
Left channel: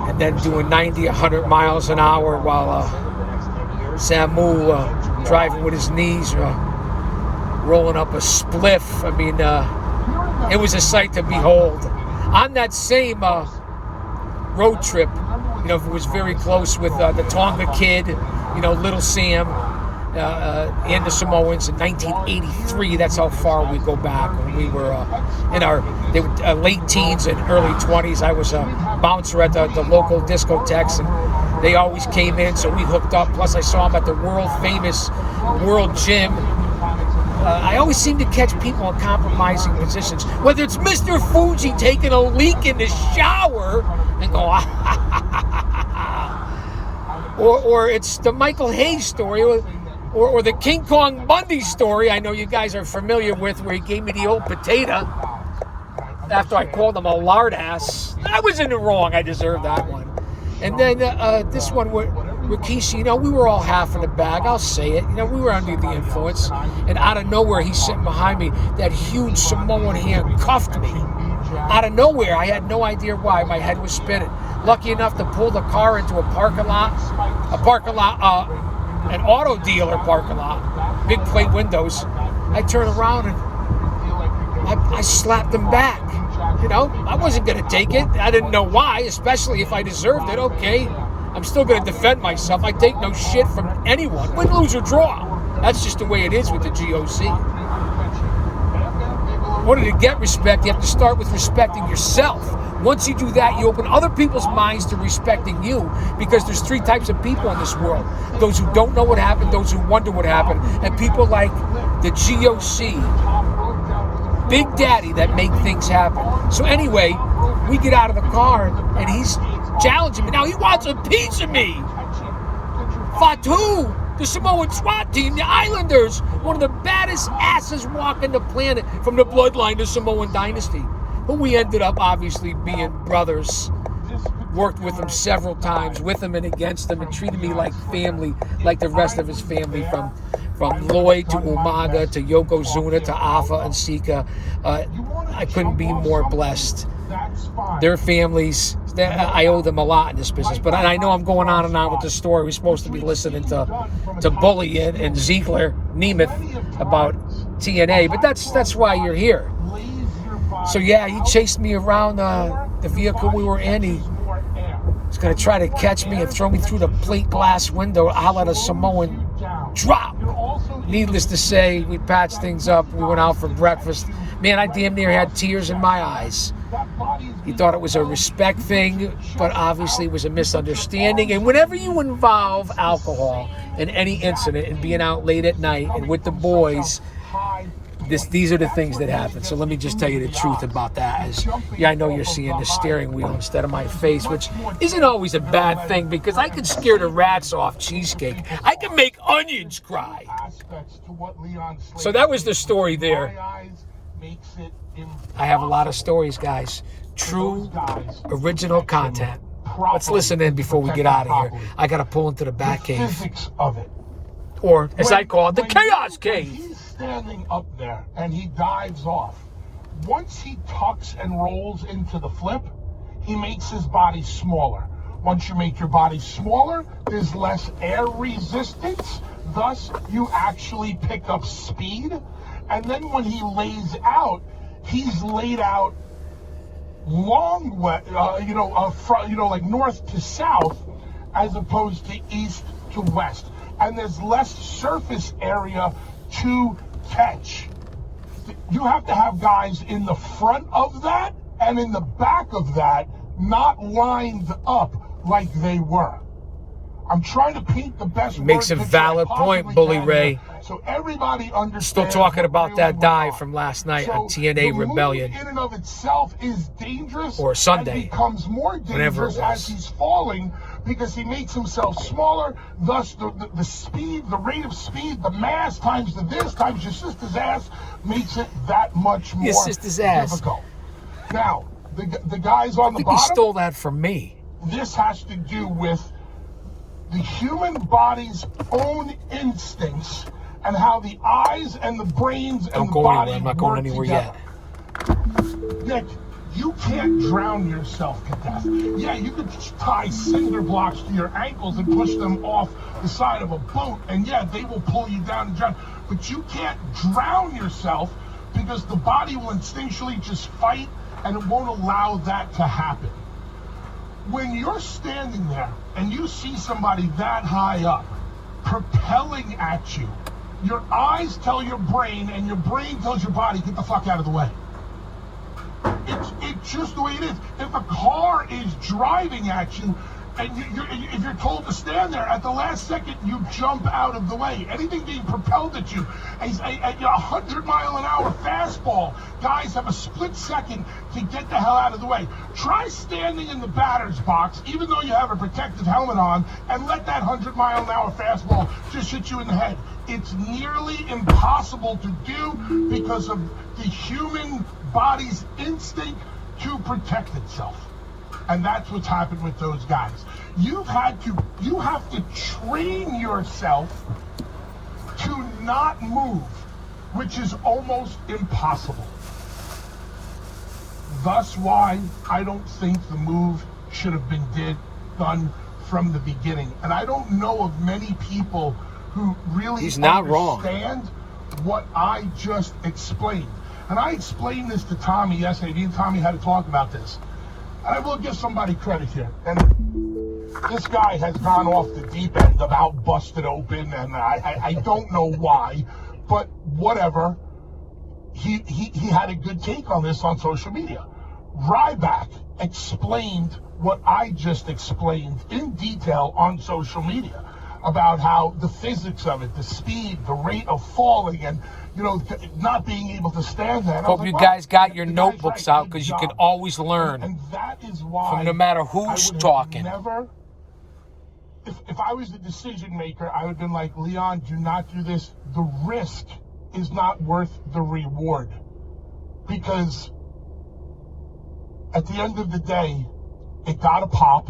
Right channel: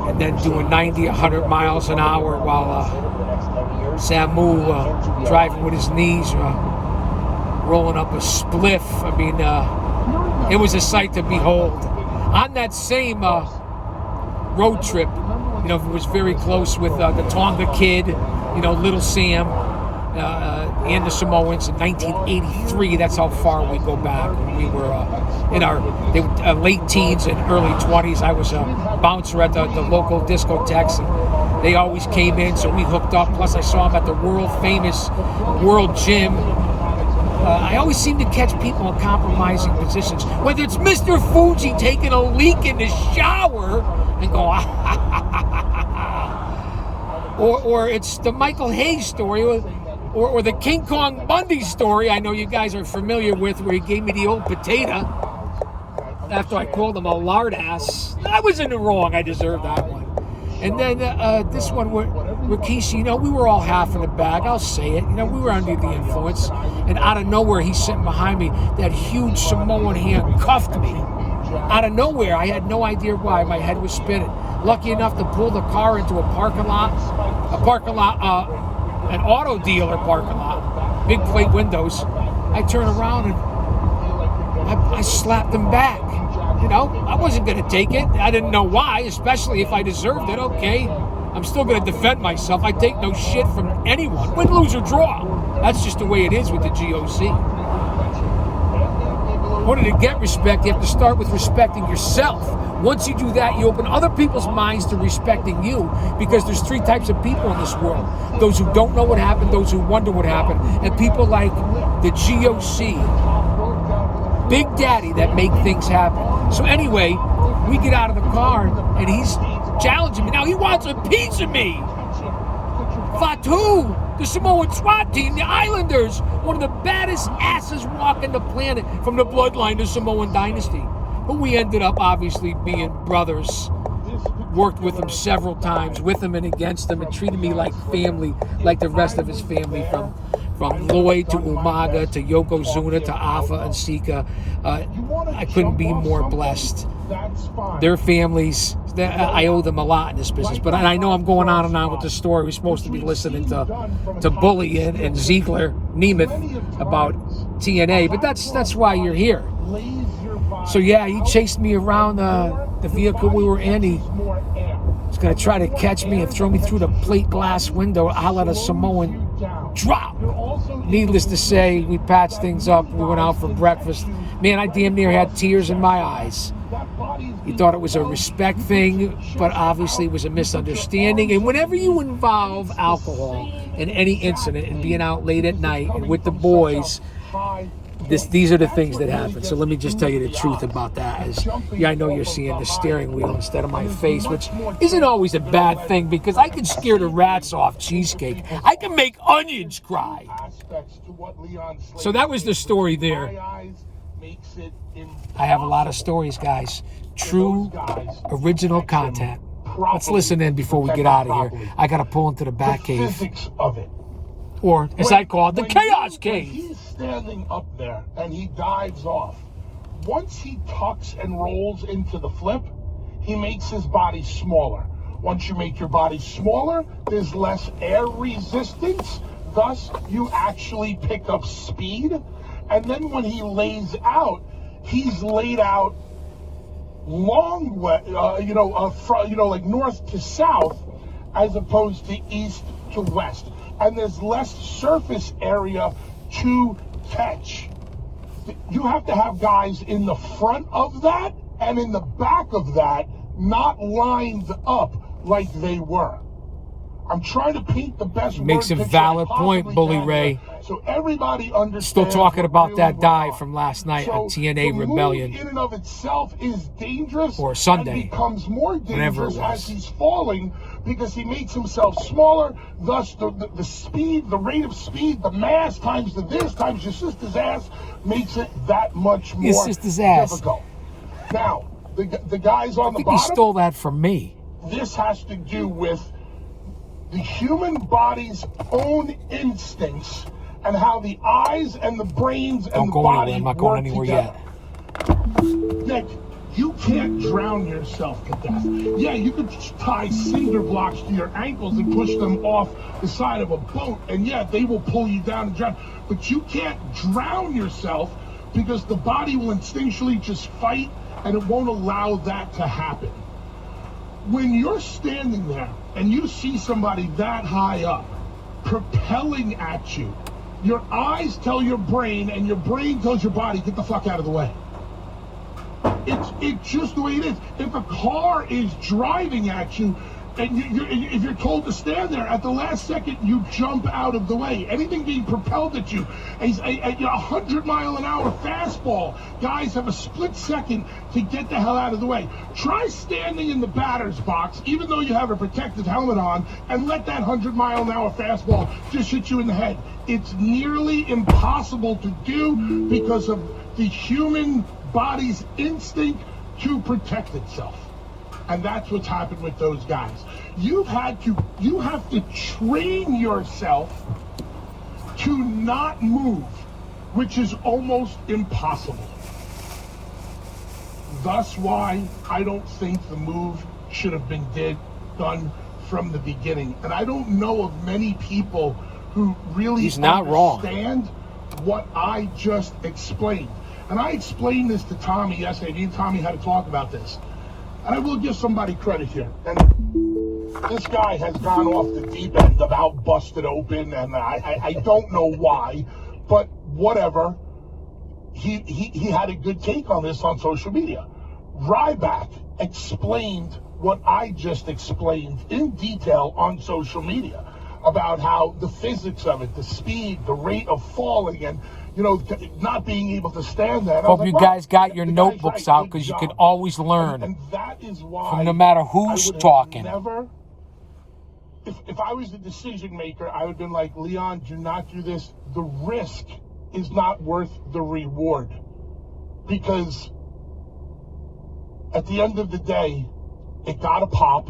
And then doing 90, 100 miles an hour while Samu driving with his knees, rolling up a spliff. I mean, it was a sight to behold. On that same road trip, you know, it was very close with the Tonga Kid, you know, Little Sam, and the Samoans in 1983. That's how far we go back. When we were in our late teens and early 20s, I was a bouncer at the local discotheques, and they always came in, so we hooked up. Plus, I saw him at the world-famous World Gym. I always seem to catch people in compromising positions, whether it's Mr. Fuji taking a leak in the shower and go, or it's the Michael Hayes story, or the King Kong Bundy story I know you guys are familiar with, where he gave me the old potato after I called him a lard ass. I was in the wrong. I deserved that one. And then this one with Rikishi, you know, we were all half in the bag. I'll say it. You know, we were under the influence. And out of nowhere, he's sitting behind me. That huge Samoan hand cuffed me. Out of nowhere, I had no idea why. My head was spinning. Lucky enough to pull the car into an auto dealer parking lot. Big plate windows. I turn around and I slapped him back. You know, I wasn't going to take it. I didn't know why, especially if I deserved it. Okay, I'm still going to defend myself. I take no shit from anyone. Win, lose, or draw. That's just the way it is with the GOC. In order to get respect, you have to start with respecting yourself. Once you do that, you open other people's minds to respecting you, because there's 3 types of people in this world. Those who don't know what happened, those who wonder what happened, and people like the GOC, Big Daddy, that make things happen. So anyway, we get out of the car and he's challenging me. Now he wants a piece of me. Fatu, the Samoan SWAT team, the Islanders, one of the baddest asses walking the planet from the bloodline to Samoan dynasty. But we ended up obviously being brothers. Worked with him several times, with him and against him, and treated me like family, like the rest of his family, from Lloyd to Umaga to Yokozuna to Afa and Sika. I couldn't be more blessed. Their families, I owe them a lot in this business. But I know I'm going on and on with the story. We're supposed to be listening to Bully and Ziegler, Nemeth about TNA, but that's why you're here. So yeah, he chased me around the vehicle we were in. He was going to try to catch me and throw me through the plate glass window. I'll let a Samoan drop. Needless to say, we patched things up. We went out for breakfast. Man, I damn near had tears in my eyes. He thought it was a respect thing, but obviously it was a misunderstanding. And whenever you involve alcohol in any incident and being out late at night and with the boys, these are the things that happen. So let me just tell you the truth about that. I know you're seeing the steering wheel instead of my face, which isn't always a bad thing, because I can scare the rats off cheesecake. I can make onions cry. So that was the story there. I have a lot of stories, guys. True, original content. properly. Let's listen in before we get out of here. I got to pull into the back the cave. physics of it. Or, as I call it, the When Chaos when Cave. He's standing up there and he dives off. Once he tucks and rolls into the flip, he makes his body smaller. Once you make your body smaller, there's less air resistance. Thus, you actually pick up speed. And then when he lays out, he's laid out long way, like north to south, as opposed to east to west. And there's less surface area to catch. You have to have guys in the front of that and in the back of that, not lined up like they were. I'm trying to paint the best. Makes a valid point, Bully Ray. So everybody understands. Still talking about really that dive well. from last night So on TNA the Rebellion. move in and of itself is dangerous. Or Sunday. And becomes more Whatever it dangerous was. as he's falling because he makes himself smaller. Thus, the speed, the rate of speed, the mass times the this times your sister's ass makes it that much more Your sister's ass. difficult. Now, the guys on I the think he bottom. stole that from me. This has to do with the human body's own instincts and how the eyes and the brains and Don't the go body anywhere. I'm not going work anywhere together. yet. Nick, you can't drown yourself to death. Yeah, you could tie cinder blocks to your ankles and push them off the side of a boat, and yeah, they will pull you down and drown. But you can't drown yourself because the body will instinctually just fight, and it won't allow that to happen. When you're standing there and you see somebody that high up propelling at you, your eyes tell your brain and your brain tells your body, get the fuck out of the way. It's just the way it is. If a car is driving at you and if you're told to stand there, at the last second you jump out of the way. Anything being propelled at you, a 100-mile-an-hour fastball, guys have a split second to get the hell out of the way. Try standing in the batter's box, even though you have a protective helmet on, and let that 100-mile-an-hour fastball just hit you in the head. It's nearly impossible to do because of the human body's instinct to protect itself. And that's what's happened with those guys. You have to train yourself to not move, which is almost impossible. Thus why I don't think the move should have been done from the beginning. And I don't know of many people who really He's not wrong. understand what I just explained. And I explained this to Tommy yesterday. Me and Tommy had to talk about this. And I will give somebody credit here. And this guy has gone off the deep end about busted open, and I don't know why, but whatever. He had a good take on this on social media. Ryback explained what I just explained in detail on social media about how the physics of it, the speed, the rate of falling, and not being able to stand there. Hope you guys got your notebooks out because you can always learn and that is why from no matter who's talking. If I was the decision maker, I would have been like, Leon, do not do this. The risk is not worth the reward. Because at the end of the day, it got a pop.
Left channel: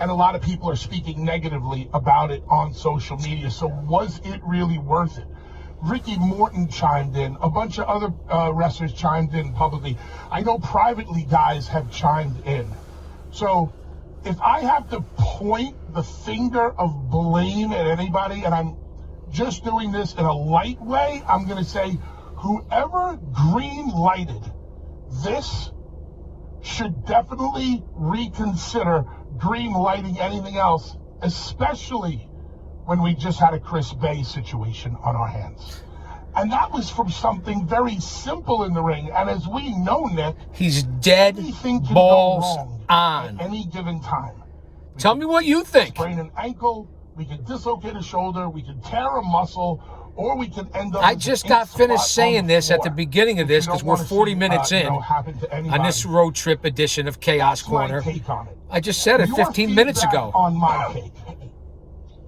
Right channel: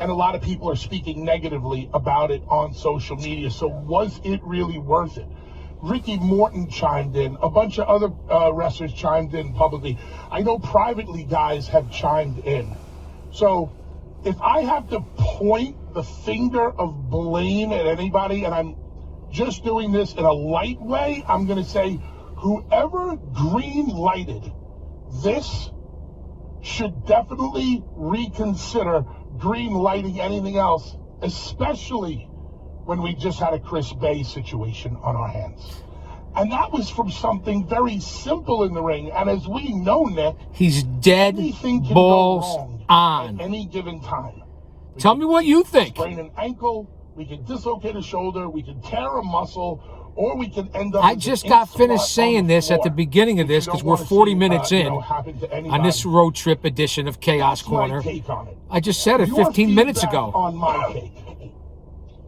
And a lot of people are speaking negatively about it on social media. So was it really worth it? Ricky Morton chimed in. A bunch of other wrestlers chimed in publicly. I know privately guys have chimed in. So if I have to point the finger of blame at anybody, and I'm just doing this in a light way, I'm going to say whoever green lighted this should definitely reconsider green lighting anything else, especially when we just had a Chris Bay situation on our hands. And that was from something very simple in the ring. And as we know, Nick, he's dead anything can balls go wrong on. at any given time. Tell me what you think. Sprain an ankle, we could dislocate a shoulder, we could tear a muscle, or we could end up. I just got finished saying this at the beginning of this because we're 40 minutes in on this road trip edition of Chaos Corner. I just said it 15 minutes ago. On my take.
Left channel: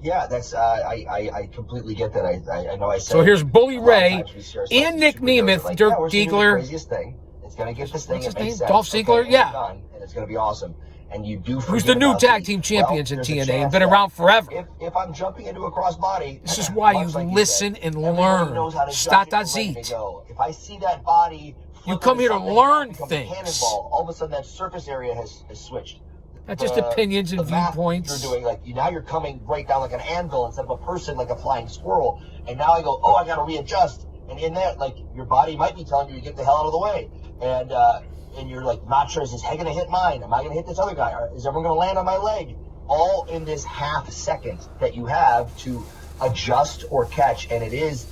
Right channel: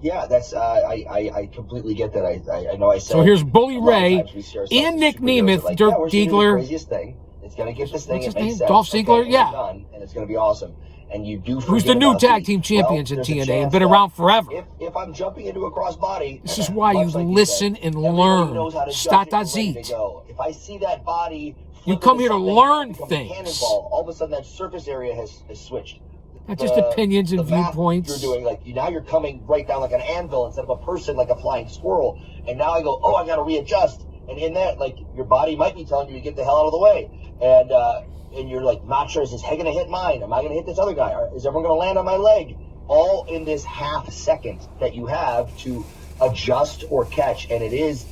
Yeah, that's I completely get that. I know I said. So here's Bully a lot of Ray times we share and Nick something super Nemeth, like, Dirk we're seeing the Diegler. craziest thing. It's gonna get this thing. What's his it makes name? sense, Dolph Ziggler? okay, Yeah. done, and it's gonna be awesome. and you do. Who's the new tag team champions in TNA and been around forever? If I'm jumping into a crossbody, This is why you listen and learn. Stata zit. If I see that body, you come here to learn things. All of a sudden, that surface area has switched. Not just opinions and viewpoints. You're doing, like, now you're coming right down like an anvil instead of a person, like a flying squirrel. And now I go, oh, I got to readjust. And in that, like, your body might be telling you to get the hell out of the way. And you're like, not sure, is this head going to hit mine? Am I going to hit this other guy? Is everyone going to land on my leg? All in this half second that you have to adjust or catch. And it's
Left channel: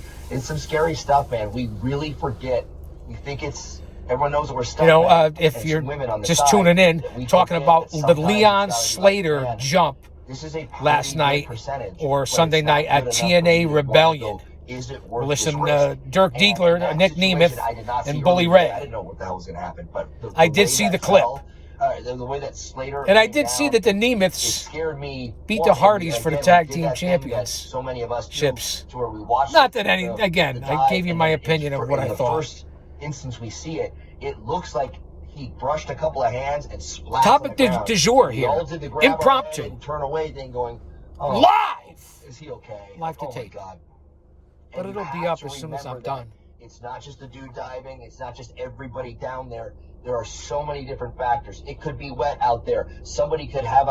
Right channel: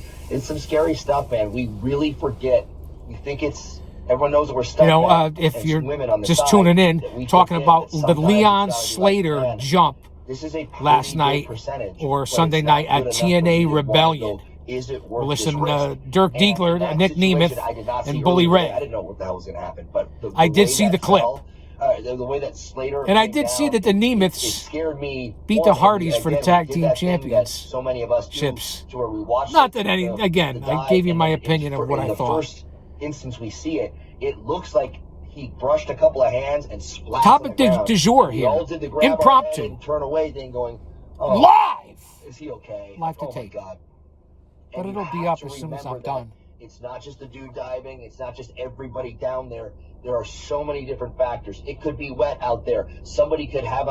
some scary stuff, man. We really forget. We think everyone knows that we're stuck. If you're just tuning in, talking about the Leon Slater jump last night or Sunday night at TNA Rebellion. We're listening to Dirk Diegler, Nick Nemeth, and Bully Ray. I didn't know what the hell was going to happen, but I did see the clip. The way that Slater and I did see that the Nemeths beat the Hardys for the tag team championships. So many of us Not that again, I gave you my opinion of what I thought. The first instance we see it, it looks like he brushed a couple of hands and splashed. Topic du jour here. Impromptu. Turn away thing going. Live. Is he okay? Live to tape. God. But it'll be up as soon as I'm done. It's not just the dude diving. It's not just everybody down there. There are so many different factors. It could be wet out there. Somebody could have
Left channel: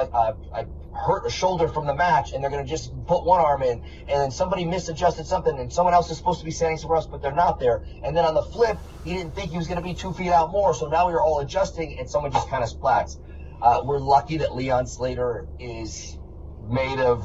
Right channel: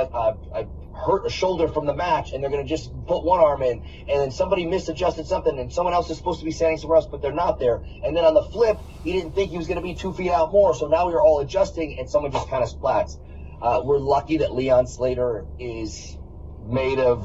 hurt a shoulder from the match, and they're going to just put one arm in. And then somebody misadjusted something, and someone else is supposed to be standing somewhere else, but they're not there. And then on the flip, he didn't think he was going to be 2 feet out more, so now we're all adjusting, and someone just kind of splats. We're lucky that Leon Slater is made of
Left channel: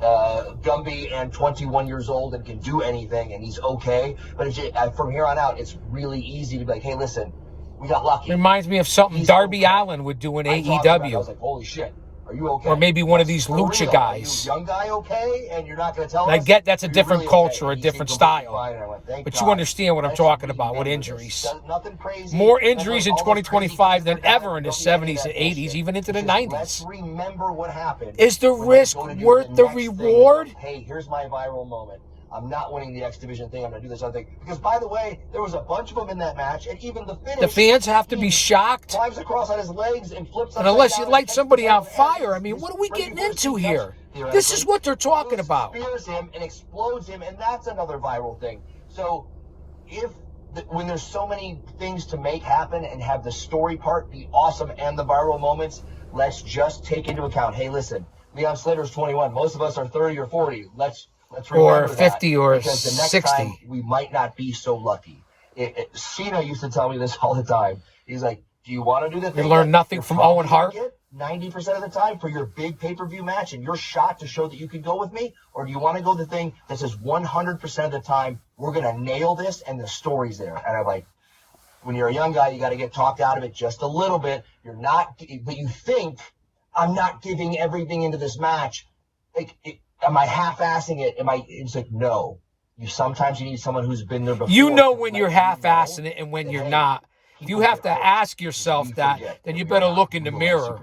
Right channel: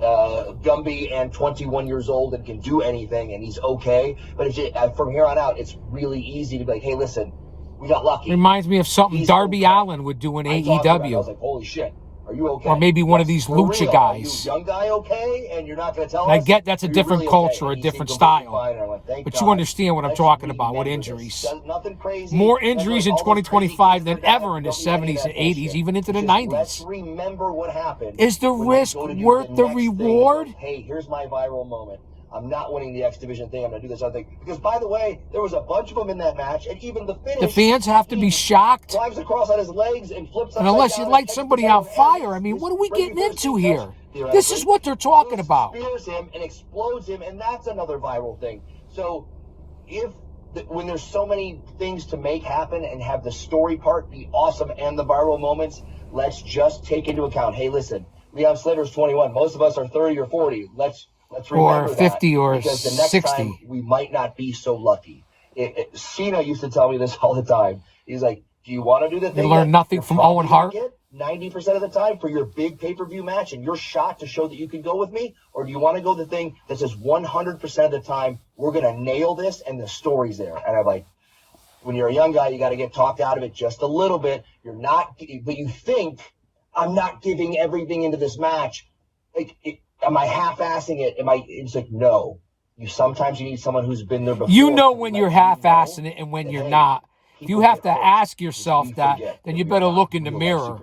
Gumby and 21 years old and can do anything, and he's okay. But from here on out, it's really easy to be like, hey, listen, we got lucky. Reminds me of something Darby Allin would do in AEW. I was like, holy shit, are you okay? Or maybe one of these lucha guys. Young guy okay? And you're not going to tell us? I get that's a different culture, a different style. But you understand what I'm talking about with injuries. Nothing crazy. More injuries in 2025 than ever in the 70s and 80s, even into the 90s. Let's remember what happened. Is the risk worth the reward? Hey, here's my viral moment. I'm not winning the X Division thing. I'm going to do this other thing. Because, by the way, there was a bunch of them in that match, and even the finish. The fans have to be shocked. Drives across on his legs and flips. And unless you light somebody on fire, I mean, what are we getting into here? This is what they're talking about. Spears him and explodes him, and that's another viral thing. So, when there's so many things to make happen and have the story part be awesome and the viral moments, let's just take into account, hey, listen, Leon Slater's 21. Most of us are 30 or 40. Let's or 50 or because the next 60. Time we might not be so lucky. Cena used to tell me this all the time. He's like, do you want to do the thing? You learn nothing from Owen Hart? 90% of the time for your big pay-per-view match and your shot to show that you can go with me? Or do you want to go the thing that says 100% of the time, we're going to nail this and the story's there? And I'm like, when you're a young guy, you got to get talked out of it just a little bit. You're not, but you think, I'm not giving everything into this match. Am I half-assing it? It's like, no. Sometimes you need someone who's been there before. You know when you're half-assing it and when you're not. If you have to ask yourself that, then you better look in the mirror.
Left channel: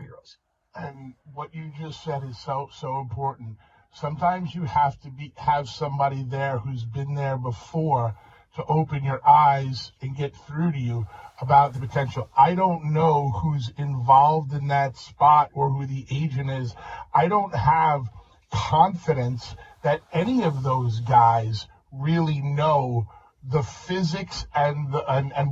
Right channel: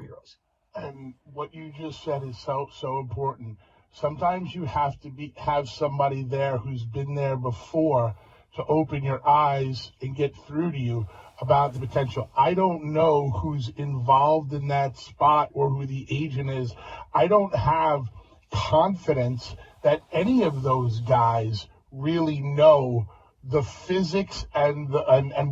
And what you just said is so important. Sometimes you have to have somebody there who's been there before to open your eyes and get through to you about the potential. I don't know who's involved in that spot or who the agent is. I don't have confidence that any of those guys really know the physics and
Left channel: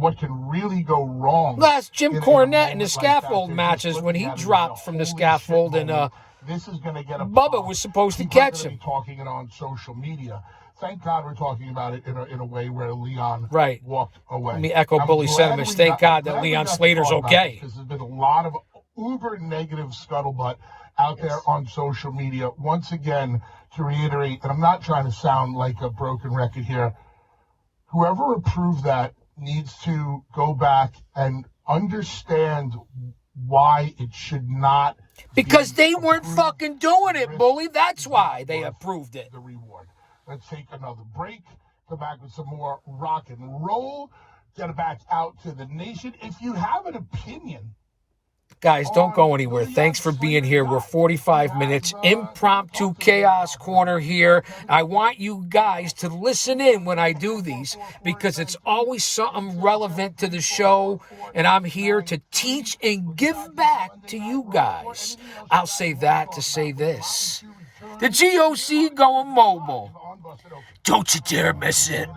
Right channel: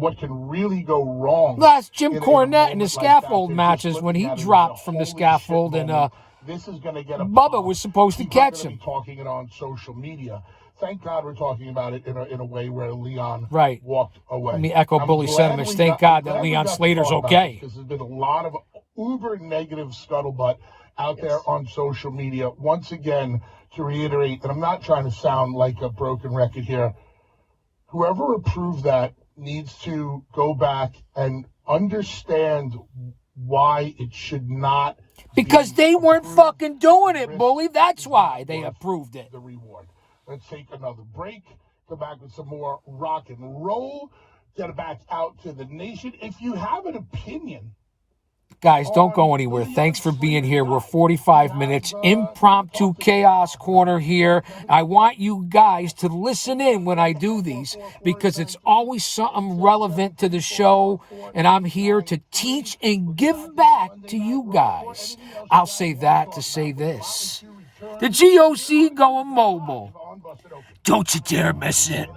what can really go wrong. That's Jim Cornette in the scaffold matches when he dropped from the scaffold and this is going to get Bubba was supposed to catch him. Talking it on social media. Thank God we're talking about it in a way where Leon walked away. Let me echo Bully's sentiments. Thank God that Leon Slater's okay. Because there's been a lot of uber negative scuttlebutt out there on social media. Once again, to reiterate, and I'm not trying to sound like a broken record here, whoever approved that needs to go back and understand why it should not. Because they weren't fucking doing it, Bully. That's why they approved it. The reward. Let's take another break. Come back with some more rock and roll. Get it back out to the nation. If you have an opinion Guys, don't go anywhere. Thanks for being here. We're 45 minutes. Impromptu Chaos Corner here. I want you guys to listen in when I do these because it's always something relevant to the show, and I'm here to teach and give back to you guys. I'll say that to say this. The GOC going mobile. Don't you dare miss it.